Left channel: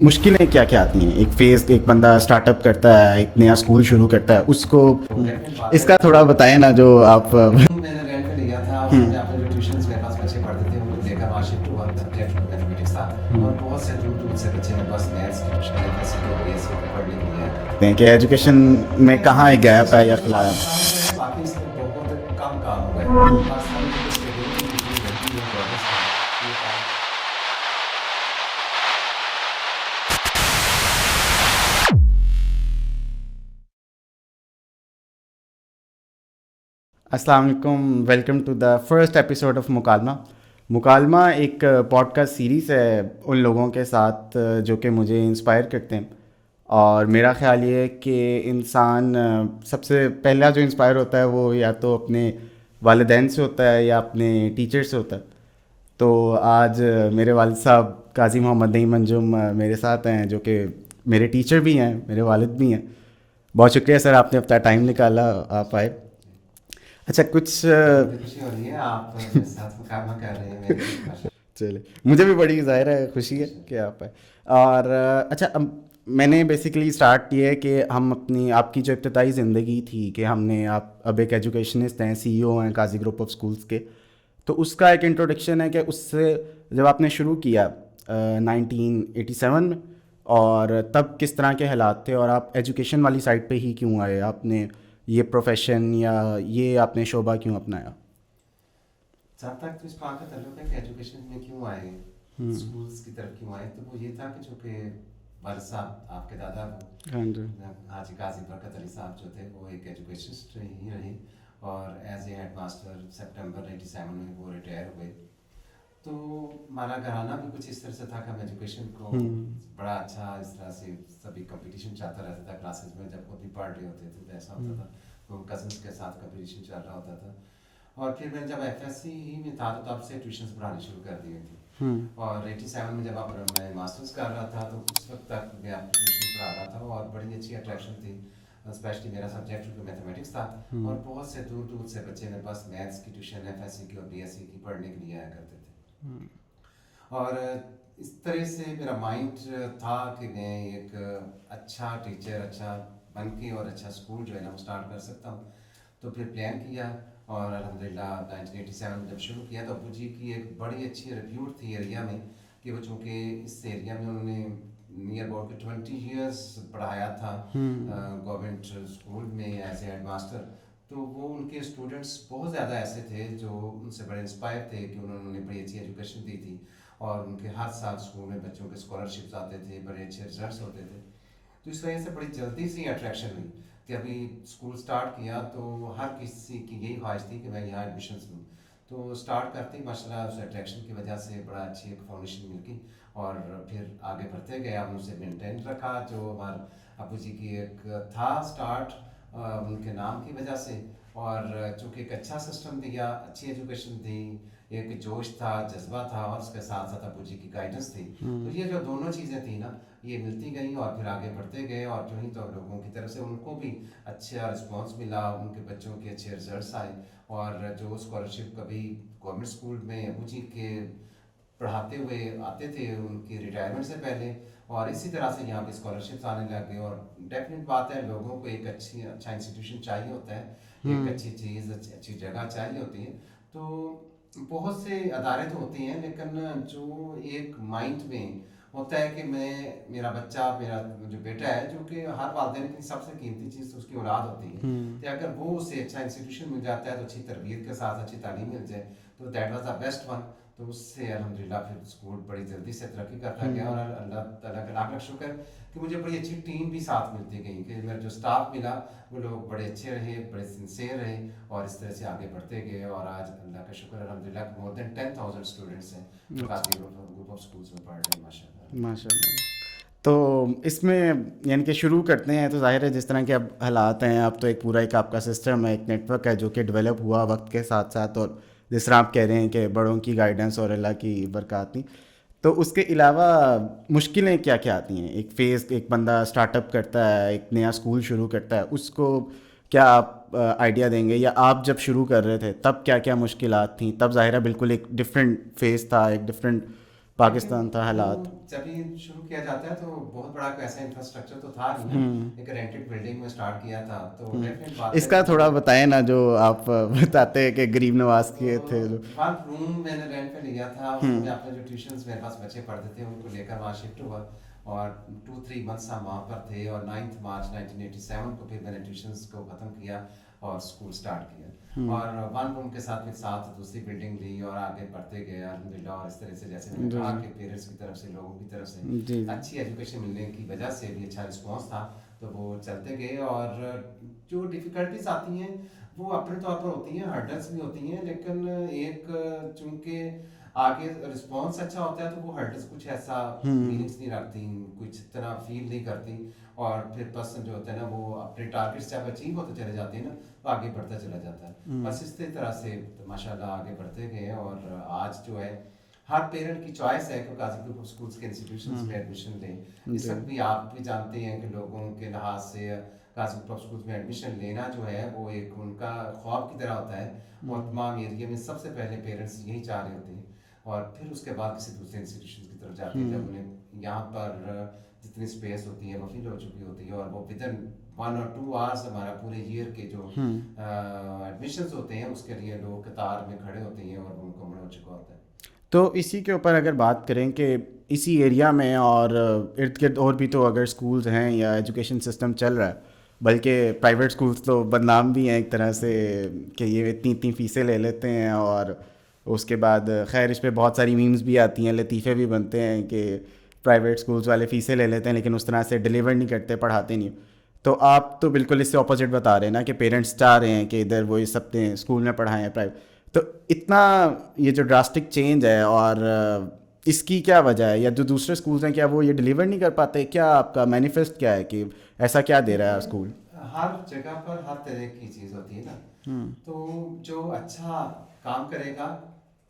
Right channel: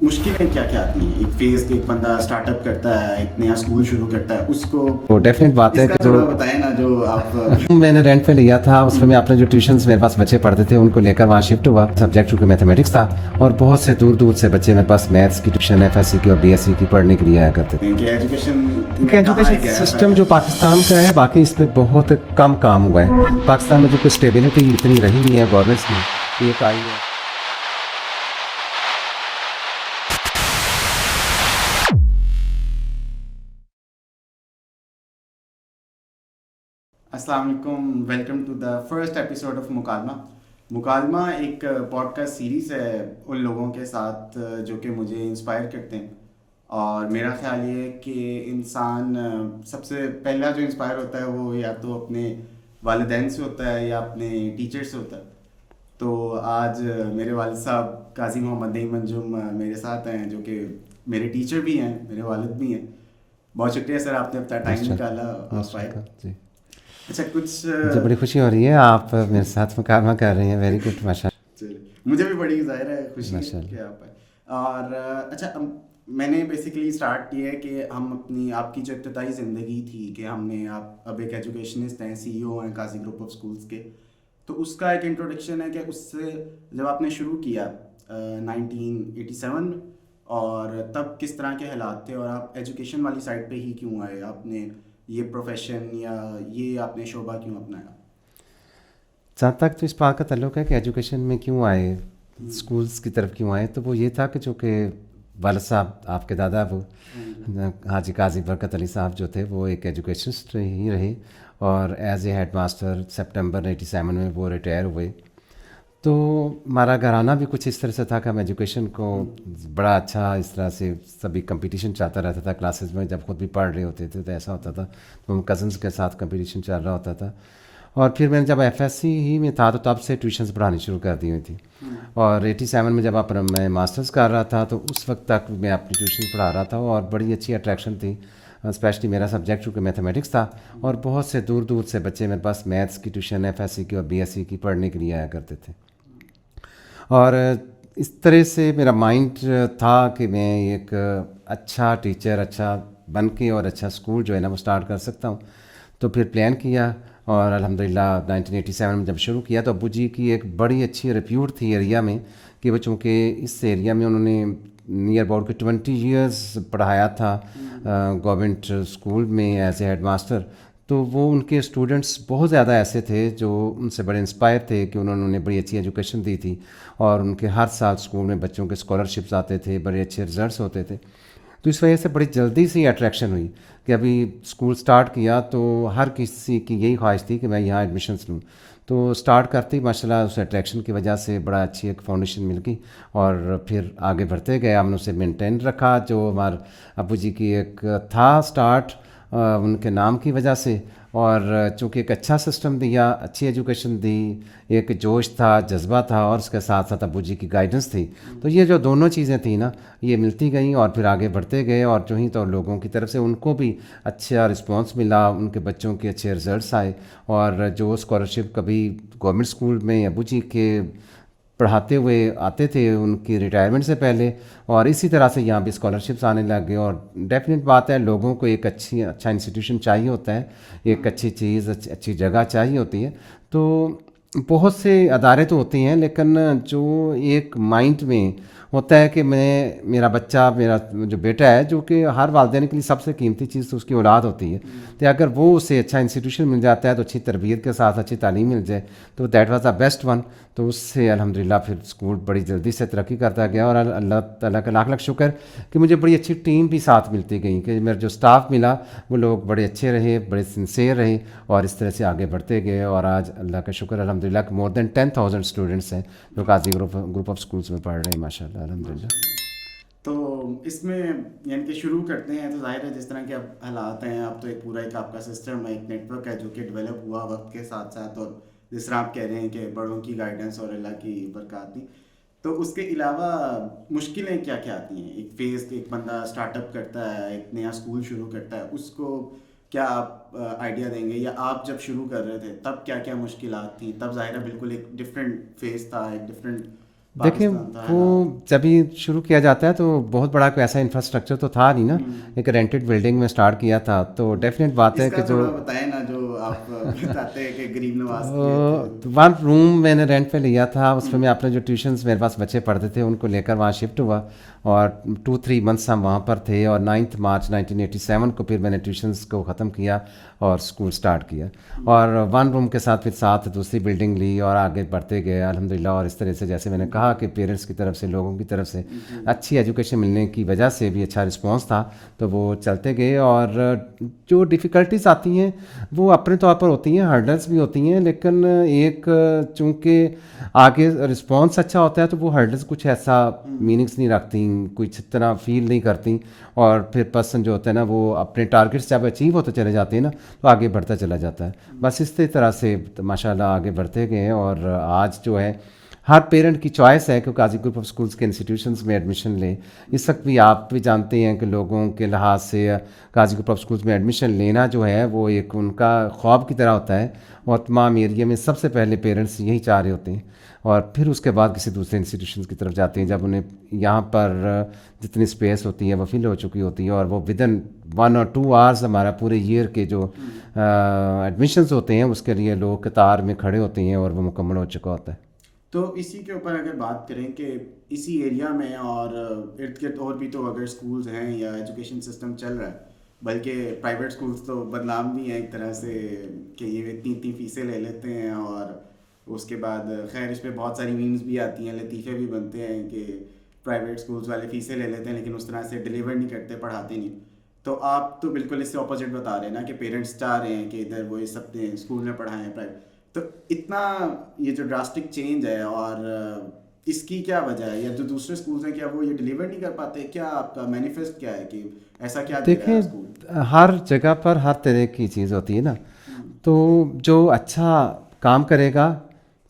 مشکلیں کیا کیا آتی ہیں ایک فیز ایک بندہ اسٹارٹ اپ کرتا ہے, ایک نیا اسکول شروع کرتا ہے, اس کو ڈیفینیٹ بات ہے. اس کا تھوڑا بتائیں نا جو آپ. میں نے رینٹ پہ لیا تھا, اس میں اپنے جو ٹیوشنس میرے پاس بچے پڑھتے تھے ان کو لے کر وہاں شفٹ ہوا. سبجیکٹ چونکہ میتھمیٹکس تھا اور بہت سے دور دور سے بچے میرے پاس میتھس کی ٹیوشن ایف ایس سی کی اور بی ایس سی کی پڑھنے کے لیے آیا کرتے تھے. کہ ایجوکیشن میں کہاں ایک گیپ سسٹم ہے جو پاکستان کا ہے باقی اس پہ بہت کم کام ہوا ہے. پاکستان میں جو کوئی اسٹیبلٹی اتنی رہی نہیں ہے گورنمنٹس میں یہ پائی ہے. السلام علیکم, welcome to the first episode of Mukalma. مکالمہ ایک پوڈ کاسٹ سیریز ہے ان لوگوں کے ساتھ جو کہ مجھے انسپائر کرتے ہیں, اور میرا خیال یہ ہے کہ انسان سب سے پہلا جو انسپائر ہوتا ہے وہ یا تو اپنے والدین سے ہوتا ہے یا اپنے ٹیچر سے ہوتا ہے. تو آج میرے والد صاحب قاضی محمد نعیم انجم میرے ساتھ ہیں جو کہ میرے ٹیچر بھی ہیں, میرے والد بھی ہیں. بہت شکریہ سر, آپ نے اپنا ٹائم نکالا, آپ آئے. اچھا, کچھ بڑی خوشی ہو رہی ہے آپ میرے ساتھ مکالمہ کر رہی ہیں. ویری گڈ, ماشاء اللہ. چلے, مجھے بھی بڑی ظاہر ہے خوشی ہے کہ آپ آئے. اور اچھا, میں نے بیسیکلی اسٹارٹ کیا ہے کہ ہم اپنی آپ کی جو ابتدائی زندگی تھی کہ ہم نے آپ اب ایک ایجوکیشنسٹ ہیں, سی ای او ہیں قاضی گروپ آف اسکولس کے, تو اس کا ایک انٹروڈکشن ہے کہ اس سے جب آپ نے شروع کیا 1987 میں, اور تب کس طرح کے حالات تھے اور آپ ایجوکیشن والی سائڈ پہ ہی کیوں آئے, آپ نے یہ پروفیشن یا یہ آپ نے شعبہ کیوں اپنایا؟ جہاں تک تو اس بات کا تعلق ہے کہ ایجوکیشن میں کیوں آئے, اسکولس کی طرف کیوں آئے, تو وہ یہ تھا کہ چونکہ والد صاحب آپ کے دادا وہ حاجی قاضی برکت علی صاحب جو تھے وہ ایک ایجوکیشنسٹ ہی رہے, اور as a head master September 87 میں وہ ریٹائر ہوئے. تو ہمارا گھرانہ بھی کچھ اس طرح سے تھا کہ ہم ایجوکیشن کو بڑا اچھا اس طرح سے سبھی کمپٹیشن چاہتا رہتا تھا کلاسز میں. جب خود بھی پڑھ رہے ہوتے تھے تو ایسا ہوتا تھا تو ہم کزنس کے ساتھ کمپٹیشن چل رہا ہوتا تھا. اور پھر میں نے جب ایف ایس سی ہی میں تھا تو تب سے ٹیوشنس پڑھانی شروع کر دی ہوئی تھی. اور 87 میں جب میں ماسٹرز کر رہا تھا تو اس وقت تک میں اپنی ٹیوشن پڑھا رہا تھا, اور بڑی اچھی اٹریکشن تھی, اسپیشلی میرا سبجیکٹ چونکہ میتھمیٹکس تھا, اور بہت سے دور دور سے بچے میرے پاس میتھس کی ٹیوشن ایف ایس سی کی اور بی ایس سی کی پڑھنے کے لیے آیا کرتے تھے. اور اس طرح سے میرا مائنڈ تھا کہ میں ایک اچھا ٹیچر اچھا بن کے اور اچھا اسکول جو ہے نا وہ اسٹارٹ کر سکتا ہوں. تو پھر پلان کیا, اور الحمدللہ 1987 میں جب شروع کیا تو ابو جی کی ایک بڑی اچھی ریپیوٹ تھی ایریا میں کہ وہ چونکہ اس ایریا میں انہوں نے نیئر اباؤٹ کے 20 ایئرس پڑھایا تھا گورنمنٹ اسکول میں ایز اے ہیڈ ماسٹر. تو وہ ان کے اسٹوڈنٹس بہت زیادہ ایسے تھے جو ان سے بڑے انسپائر تھے کہ انہوں نے بڑی اچھی ایجوکیشن دی تھی, اور ان کے ہر سال اسکول میں بچوں کے اسکالرشپس آتے تھے, بڑے اچھے رزلٹس ہوتے تھے. تو اس وجہ سے بڑی جلدی سے اٹریکشن ہوئی کہ ابھی اسکول سٹارٹ کیا تو ہر کسی کی یہی خواہش تھی کہ میں یہاں ایڈمیشنس لوں. تو سٹارٹ کرتے ہی ماشاء اللہ اس اٹریکشن کی وجہ سے بڑا اچھی ایک فاؤنڈیشن مل گئی, اور پھر آگے بڑھتے گئے. ہم نے اسے مینٹین رکھا جو ہمارے ابو جی کی ایک تھا سٹارٹ ان کے نام کی وجہ سے, اور چونکہ ایک اچھا سسٹم دیا, اچھی ایجوکیشن دی, ایک جوش تھا, جذبہ تھا, اور اس کے ساتھ ساتھ ابو جی کی گائیڈنس تھی. تو یہ جو دونوں چیزیں تھیں نا یہ ملتی گئیں, اور پھر آگے بڑھتے گئے, اور جو ہی تو لوگوں کی طرف سے ان کو بھی اچھا رسپانس ملا, ان کے بچوں کے اچھے رزلٹس آئے, اور جو اسکالرشپ کبھی گورنمنٹ اسکول میں ابو جی کے پڑھاتے ہوئے آتے تھے ان کی ریٹائرمنٹ سے پہلے, اور اسی طرح سے یہاں بھی اسکالرشپس آنے لگ گئے. اور ڈیفینیٹ بات ہے لوگوں کو ایک اچھا انسٹیٹیوشن چاہیے ہوتا ہے, ایک اچھی چیز اچھی جگہ چاہیے ہوتی ہے. تو بہت سے ادارے تو ہوتے ہیں لیکن جو ایک مائنڈ میں ہوتا ہے کہ میرا بچہ میرا جو بیٹا ہے جو کہ ہر والدین کے لیے سب سے قیمتی چیز تو اس کی اولاد ہوتی ہے, تو اگر وہ اسے اچھا انسٹیٹیوشن مل جاتا ہے تو اچھی تربیت کے ساتھ اچھی تعلیم مل جائے تو that was the best one. تو اس سے الحمدللہ پھر اسکول بڑی جلدی سے ترقی کرتا گیا, اور اللہ تعالیٰ کا لاکھ لاکھ شکر کہ مجھے بڑی اچھی ٹیم بھی ساتھ ملتی گئی کہ میرا جو اسٹاف ملا وہ لوگ بڑے اچھے رہے, بڑے سنسیئر رہے, اور اس طرح سے آگے بڑھتے گئے. اور آج اللہ کا شکر الحمدللہ کہ مور دین 10,000 اسٹوڈنٹس ہیں جو قاضی گروپ آف اسکولس میں پڑھ رہے ہیں ماشاء اللہ الحمدللہ. تو اس میں یعنی کہ شروع کرتے ہیں تو ظاہر ہے جس طرح کے اب حالات ہیں, اب تو ایک پورا ایک آپ کا سسٹم ہے, ایک نیٹ ورک ہے جو کہ ڈیولپ ہوا وقت کے ساتھ ساتھ, اور جس طرح آپ کہہ رہے ہیں کہ بڑوں کی گائیڈنس اور اللہ کی برکات تھی. تو اس کے علاوہ مشکلیں کیا کیا آتی ہیں ایک فیز ایک بندہ اسٹارٹ اپ کرتا ہے, ایک نیا اسکول شروع کرتا ہے, اس کو کیا آپ آئیڈیا دیں گے, یا آپ جب شروع کر رہے تھے تب کیا کیا مشکلات تھیں؟ تب ظاہر ہے بالکل ایک ڈفرینٹ فیز تھا, ایک ڈفرینٹ پاکستان تھا وہ حالات؟ جب یہ شروع کیا جاتا ہے تو بہت بڑا کوئی ایسا انفراسٹرکچر تو تھا نہیں نا, ایک رینٹڈ بلڈنگ میں سٹارٹ کیا تھا. تو ڈیفینیٹ بات ہے اس کا تھوڑا بتائیں نا جو آپ بتاتے ہیں کہ غریب نواز کیے تھے. 1 روم میں نے رینٹ پہ لیا تھا, اس میں اپنے جو ٹیوشنس میرے پاس بچے پڑھتے تھے ان کو لے کر وہاں شفٹ ہوا, اور 2-3 منتھس ہم وہاں پر تھے, اور 9 مارچ 1987 کو پھر میں نے ٹیوشنس کو ختم کیا اور اسکول سٹارٹ کیا, اور 1 روم کے ساتھ پھر ساتھ دوسری بلڈنگ لی اور آگے بڑھتے گئے الحمدللہ. اور اس طرح سے جیسے میں نے کہا کہ پیرنٹس کی طرف سے, لوگوں کی طرف سے اچھی ایجوکیشن ملنے کی وجہ سے بھی اچھا رسپانس تھا, تو وہ چلتے گئے. اور جو ڈیفیکلٹیز آتی ہیں وہ اپنے طور پر ہوتی ہیں, ہرڈلس بھی ہوتی ہیں, لیکن ایک چونکہ آگے رسپانس اچھا ہوتا ہے تو وہ ہرڈلس کچھ ایسا میننگس نہیں رکھتی, کچھ اتنا فیل نہیں کرتی, اور پھر پرسن جو ہوتا ہے نا وہ اپنے ٹارگیٹس جب اچیو ہوتے چلے جاتے ہیں نا تو آگے بڑھتا چلا جاتا ہے. بس اس طرح سے ماشاء اللہ آگے بڑھتے گئے. اور آج جو ہے ہر پیرنٹ کی چوائس ہے کہ قاضی گروپ آف اسکولس کے انسٹیٹیوشنس میں ایڈمیشن لیں. اس وقت بھی آپ بھی جانتے ہیں کہ لوگوں کے لحاظ سے قاضی گروپ آف اسکولس میں ایڈمیشن لینا جو ہے وہ ایک ان کا خواب کی طرح ہوتا ہے, اور تمام ایریا میں سب سے پہلے پیرنٹس یہی چاہ رہے ہوتے ہیں, اور پھر اس کے بعد کسی دوسرے انسٹیٹیوشنس کی طرف جاتے ہیں جب انہیں یہاں پر جتنی اسپیس ہوتی ہے وہ فل ہو چکی ہوتی ہے, اور وہ ودن 1 or 2 hours ہمارا پورے ایئر کے جو ایڈمیشنز ہوتے ہیں اس کے لیے لوگ قطار میں کھڑے ہوتے ہیں اور وہ مکمل ہو چکا ہوتا ہے. تو اسی کے اوپر اگر بات کریں کہ اسی ایریا میں اور ارد گرد اور بھی تو اگر اسکولز ہیں یا ایجوکیشن سسٹم چل رہا ہے, بلکہ پرائیویٹ اسکولس تو بدنام بھی ہیں ایک طرح سے کہ یہ اتنی فیسیں لے لیتے ہیں, اور اس کے بعد خیر اس پہ بہت ساری میمز بھی آتی ہیں, لطیفے بھی بنتے ہیں کہ پرائیویٹ اسکولس والے فیسیں لے لیتے ہیں لیکن اس طرح سے ڈلیور نہیں کرتے, پڑھاتے نہیں. تو آپ تو بالکل اس سے اپوزٹ بتا رہے ہیں نا کہ پیرنٹس چاہ رہے ہیں کہ ادھر وہ اس اپنے اسکول میں پڑھائیں پرائیویٹ. تو اتنا یہ جو ڈراسٹک چینج ہے اور اس کی کیا وجہ ہے, یا جو دوسرے اسکولس ہیں کیا وہ یہ ڈلیور نہیں کر پاتے, کیا آپ کا مینیفیسٹ کیا ہے کہ ایسا کیا دے رہا ہے اسکول؟ ہر جگہ پر ہر طرح کی چیز ہوتی ہے نا, تو جو اچھا کام کرے گا,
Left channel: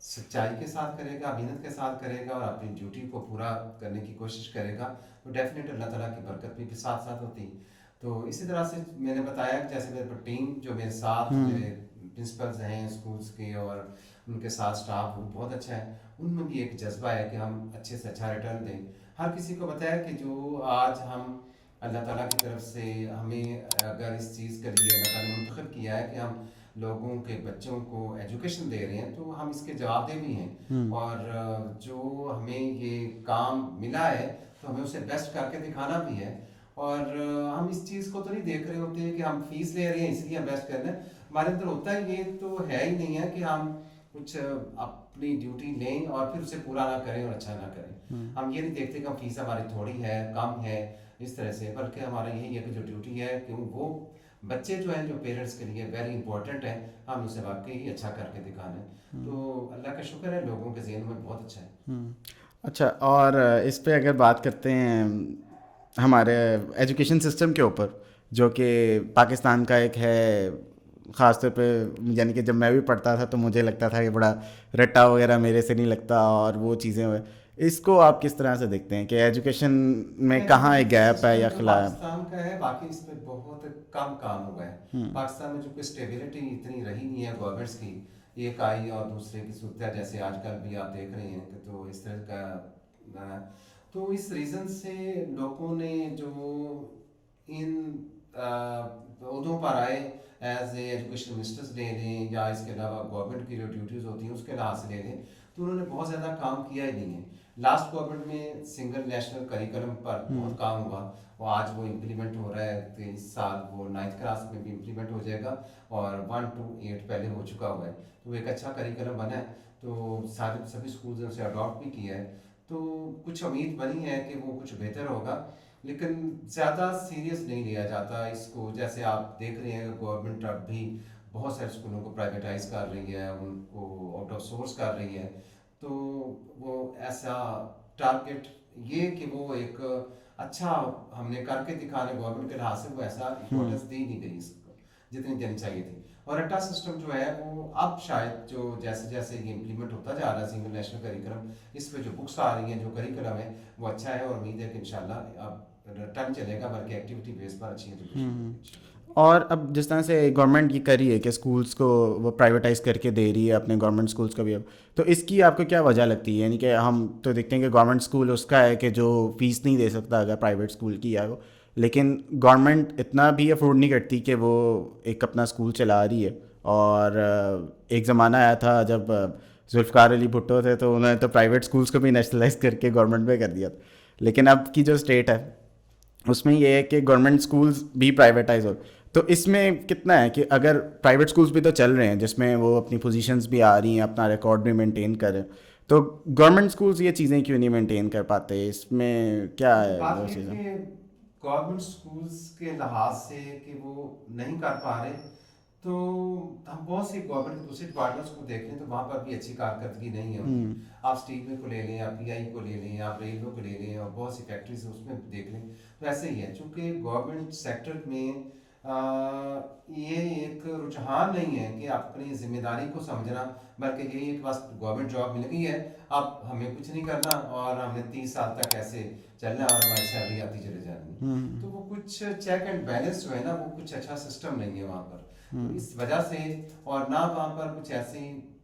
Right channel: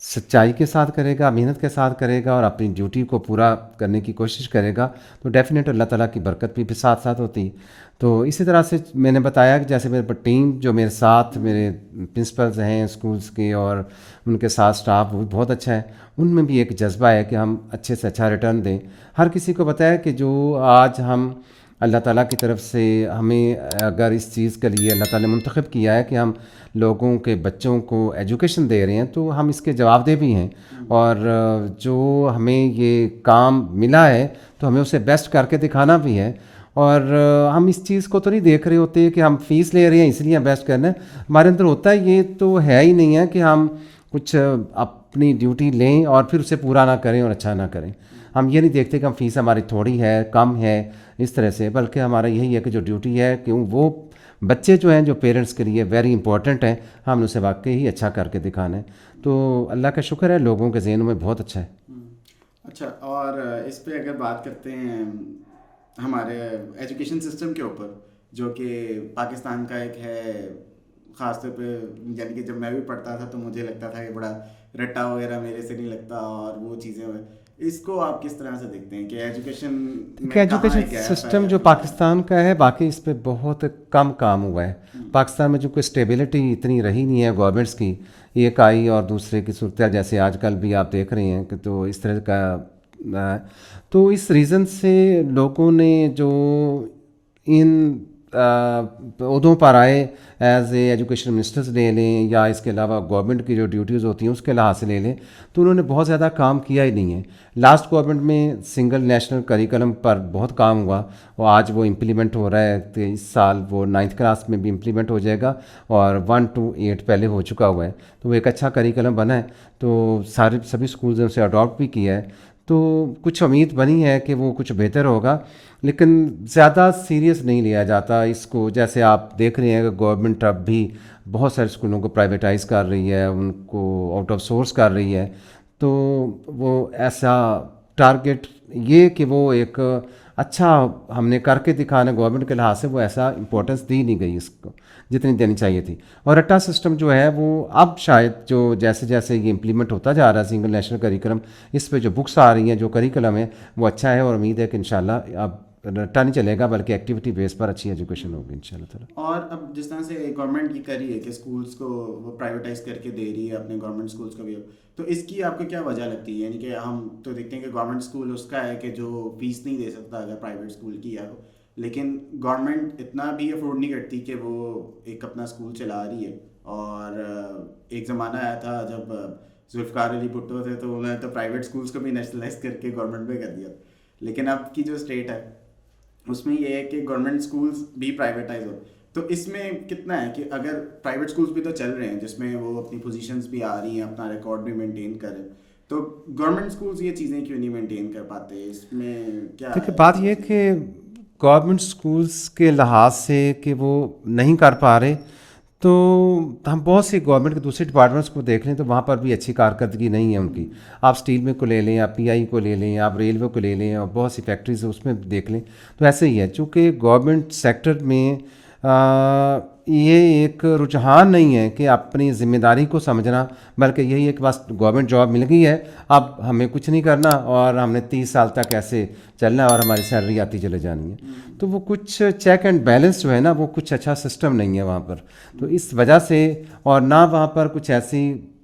سچائی کے ساتھ کرے گا, محنت کے ساتھ کرے گا, اور اپنی ڈیوٹی کو پورا کرنے کی کوشش کرے گا, تو ڈیفینیٹ اللہ تعالیٰ کی برکت بھی ساتھ ساتھ ہوتی. تو اسی طرح سے میں نے بتایا کہ جیسے میرے ٹیم جو میرے ساتھ میرے پرنسپلز ہیں اسکولس کے, اور ان کے ساتھ اسٹاف وہ بہت اچھا ہے, ان میں بھی ایک جذبہ ہے کہ ہم اچھے سے اچھا ریٹرن دیں. ہر کسی کو بتایا کہ جو آج ہم اللہ تعالیٰ کی طرف سے ہمیں اگر اس چیز کے لیے اللہ تعالیٰ نے منتخب کیا ہے کہ ہم لوگوں کے بچوں کو ایجوکیشن دے رہے ہیں, تو ہم اس کے جواب دہ بھی ہیں, اور جو ہمیں یہ کام ملا ہے تو ہمیں اسے بیسٹ کر کے دکھانا بھی ہے. اور ہم اس چیز کو تو نہیں دیکھ رہے ہوتے کہ ہم فیس لے رہے ہیں اس لیے ہم بیسٹ کرنا ہے, ہمارے اندر ہوتا ہے یہ تو ہے ہی نہیں ہے کہ ہم کچھ اپنی ڈیوٹی لیں اور پھر اسے پورا نہ کریں اور اچھا نہ کریں. ہم یہ نہیں دیکھتے کہ ہم فیس ہماری تھوڑی ہے, کم ہے, اس طرح سے, بلکہ ہمارا یہی ہے کہ جو ڈیوٹی ہے کہ وہ بچے جو ہیں جو پیرنٹس کے لیے ویری امپورٹنٹ ہیں, ہم نے اسے واقعی ہی اچھا کر کے دکھانا ہے. تو اللہ کا شکر ہے لوگوں کے ذہنوں میں بہت اچھا ہے. اچھا, اور اس پہ اگر بات کرتے ہیں ہمارے ایجوکیشن سسٹم کے اوپر, جو کہ پاکستان کا ایک ہے خاص طور پہ, یعنی کہ جب میں بھی پڑھتا تھا تو مجھے لگتا تھا کہ بڑا رٹا وغیرہ میرے سے نہیں لگتا, اور وہ چیزیں, اس کو آپ کس طرح سے دیکھتے ہیں کہ ایجوکیشن میں کہاں ایک گیپ ہے؟ سسٹم جو پاکستان کا ہے باقی اس پہ بہت کم کام ہوا ہے. پاکستان میں جو کوئی اسٹیبلٹی اتنی رہی نہیں ہے گورنمنٹس کی, ایک آئی اور دوسرے کی صورتحال جیسے آج کل بھی آپ دیکھ رہے ہیں کہ تو اس طرح کا, تو اس ریزن سے لوگوں نے جو ان عہدوں پر آئے ایز اے ایجوکیشن منسٹرز لے لیں یا اس کے علاوہ گورنمنٹ کی جو ڈیوٹیز ہوتی ہیں اس کے لحاظ سے لے لیں, تو انہوں نے بہت زیادہ کام کیا ہی نہیں ہے. لاسٹ گورنمنٹ میں سنگل نیشنل کریکلم پر بہت کام ہوا, اور آج وہ امپلیمنٹ ہو رہا ہے, تو اس سال وہ 9th کلاس میں بھی امپلیمنٹ ہو جائے گا, اور 1 to 8 پہلے ہو چکا ہوا ہے. تو وہ ایک اچھا کریکلم بنا ہے, تو سبھی اسکولز نے اسے اڈاپٹ بھی کیا ہے. تو کچھ امید بنی ہے کہ وہ کچھ بہتر ہوگا, لیکن زیادہ سیریس نہیں لیا جاتا اس کو. جیسے آپ دیکھ رہے ہیں کہ گورنمنٹ اب بھی بہت سارے اسکولوں کو پرائیویٹائز کر رہی ہے, ان کو آؤٹ آف سورس کر رہی ہے. تو وہ ایسا ٹارگیٹ یہ کہ وہ ایک اچھا ہم نے کر کے دکھانا گورنمنٹ کے لحاظ سے, وہ ایسا امپورٹنس دی نہیں گئی اس کو جتنی دینی چاہیے تھی. اور رٹا سسٹم جو ہے وہ اب شاید جو جیسے جیسے یہ امپلیمنٹ ہوتا جا رہا ہے سنگل نیشنل کریکلم, اس پہ جو بکس آ رہی ہیں جو کریکلم ہے وہ اچھا ہے, اور امید ہے کہ انشاءاللہ اب رٹا نہیں چلے گا بلکہ ایکٹیویٹی بیس پر اچھی ایجوکیشن ہوگی انشاءاللہ تعالیٰ. اور اب جس طرح سے گورنمنٹ یہ کر رہی ہے کہ اسکولس کو وہ پرائیویٹائز کر کے دے رہی ہے اپنے گورنمنٹ اسکولس کو بھی اب, تو اس کی آپ کو کیا وجہ لگتی ہے؟ یعنی کہ ہم تو دیکھتے ہیں کہ گورنمنٹ اسکول اس کا ہے کہ جو فیس نہیں دے سکتا اگر پرائیویٹ اسکول کی ہے وہ, لیکن گورنمنٹ اتنا بھی افورڈ نہیں کرتی کہ وہ ایک اپنا اسکول چلا رہی ہے. اور ایک زمانہ آیا تھا جب ذوالفقار علی بھٹو تھے تو انہوں نے تو پرائیویٹ اسکولس کو بھی نیشنلائز کر کے گورنمنٹ میں کر دیا تھا, لیکن اب کی جو اسٹیٹ ہے اس میں یہ ہے کہ گورنمنٹ اسکولس بھی پرائیویٹائز ہو. تو اس میں کتنا ہے کہ اگر پرائیویٹ اسکولس بھی تو چل رہے ہیں جس میں وہ اپنی پوزیشنز بھی آ رہی ہیں, اپنا ریکارڈ بھی مینٹین کر رہے ہیں, تو گورنمنٹ اسکولس یہ چیزیں کیوں نہیں مینٹین کر پاتے؟ اس میں کیا ہے؟ بات یہ کہ گورنمنٹ اسکولس کے لحاظ سے کہ وہ نہیں کر پا رہے, تو ہم بہت سی گورنمنٹ کے دوسرے ڈپارٹمنٹس کو دیکھ لیں تو وہاں پر بھی اچھی کارکردگی نہیں ہے ان کی. آپ اسٹیل میں کو لے لیں, آپ پی آئی کو لے لیں, آپ ریلوے کو لے لیں, اور بہت سی فیکٹریز اس میں دیکھ لیں, تو ایسے ہی ہے. چونکہ گورنمنٹ سیکٹر میں یہ ایک رجحان نہیں ہے کہ اپنی ذمہ داری کو سمجھنا, بلکہ یہی ہے کہ بس گورنمنٹ جاب مل گئی ہے, اب ہمیں کچھ نہیں کرنا اور ہم نے 30 سال تک ایسے چلنا ہے اور ہماری سیلری آتی چلے جانی ہے. تو وہ کچھ چیک اینڈ بیلنس جو ہے نا, وہ کچھ اچھا سسٹم نہیں ہے وہاں پر. تو اس وجہ سے, اور نہ وہاں پر کچھ ایسی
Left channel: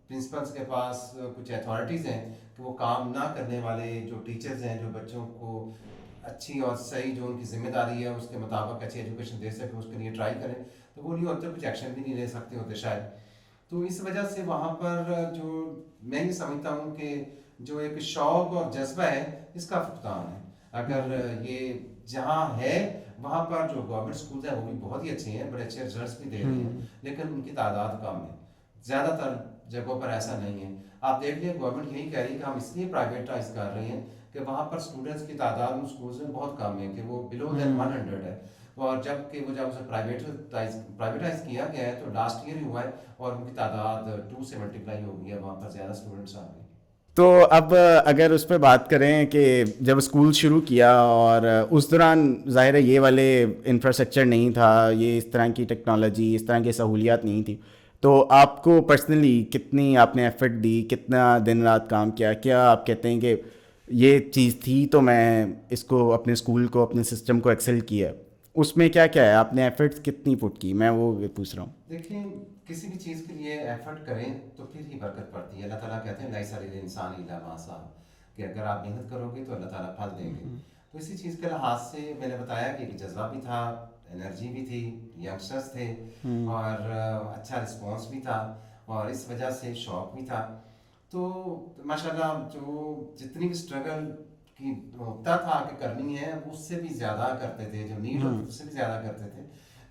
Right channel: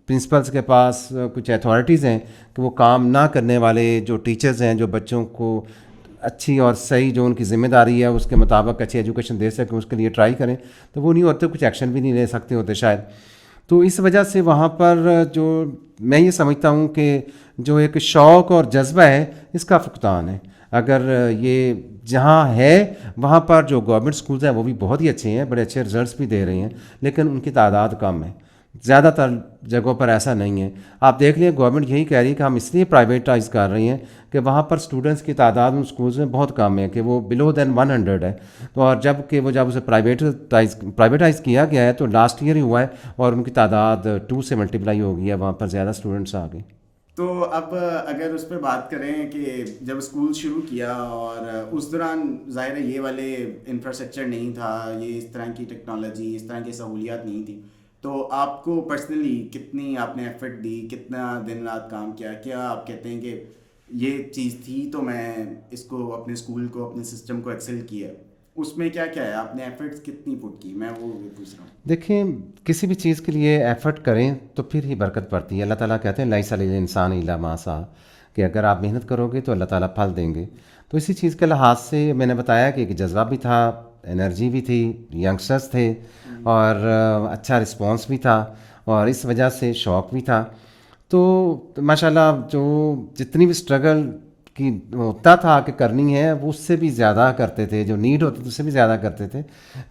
پرنسپلس کے پاس کچھ اتھارٹیز ہیں کہ وہ کام نہ کرنے والے جو ٹیچرز ہیں جو بچوں کو اچھی اور صحیح جو ان کی ذمہ داری ہے اس کے مطابق اچھی ایجوکیشن دے سکیں, اس کے لیے ٹرائی کریں, تو وہ نہیں ہوتے, کچھ ایکشن بھی نہیں لے سکتے ہوتے شاید. تو اس وجہ سے وہاں پر جو میں یہ سمجھتا ہوں کہ جو ایک شوق اور جذبہ ہے اس کا فقدان ہے. اگر یہ جہاں ہے وہاں پر جو گورنمنٹ اسکولز ہیں وہ بھی بہت ہی اچھے ہیں, بڑے اچھے رزلٹس بھی دے رہے ہیں, لیکن ان کی تعداد کم ہے. زیادہ تر جگہوں پر ایسا نہیں ہے. آپ دیکھ لیں گورنمنٹ یہی کہہ رہی ہے کہ ہم اس لیے پرائیویٹائز کر رہی ہیں کہ وہاں پر اسٹوڈنٹس کی تعداد ان اسکولز میں بہت کم ہے, کہ وہ بلو دین 100 ہے. تو اور جب اسے پرائیویٹائز کیا گیا ہے تو لاسٹ ایئر ہی ہوا ہے اور ان کی تعداد 2 سے ملٹیپلائی ہو گئی ہے, وہاں پر زیادہ اسٹوڈنٹس آ گئے. تو اب اگر اس پہ بات کریں کہ جب اسکول شروع کیا اور اس دوران ظاہر ہے یہ والے انفراسٹرکچر نہیں تھا, یہ اس طرح کی ٹیکنالوجی, اس طرح کی سہولیات نہیں تھی, تو آپ کو پرسنلی کتنی آپ نے ایفرٹ دی, کتنا دن رات کام کیا؟ کیا آپ کہتے ہیں کہ یہ چیز تھی تو میں اس کو اپنے اسکول کو, اپنے سسٹم کو ایکسل کیا, اس میں کیا کیا ہے, آپ نے ایفرٹس کتنی پٹ کی؟ میں وہ پوچھ رہا ہوں. دیکھیں, کسی بھی چیز کے لیے ایفرٹ کریں تو پھر ہی برکت پڑتی ہے. اللہ تعالیٰ کہتے ہیں لیس علی الانسان الا ما سعی, کہ اگر آپ محنت کرو گے تو اللہ تعالیٰ پھل دیں گے. تو اسی چیز کے لحاظ سے میں نے بتایا کہ ایک جذبہ بھی تھا, انرجی بھی تھی, ینگسٹرس تھے اور اچھا رسپانس بھی تھا, اور اس وجہ سے شوق بھی تھا. تو ماشاءاللہ جو جتنی بھی اسٹرگل کی ہوتا تھا کہ کرنی ہے وہ اس سے بھی زیادہ کرتے تھے, جو نیڈ ہوتی تھی اس سے بھی زیادہ کرتے تھے,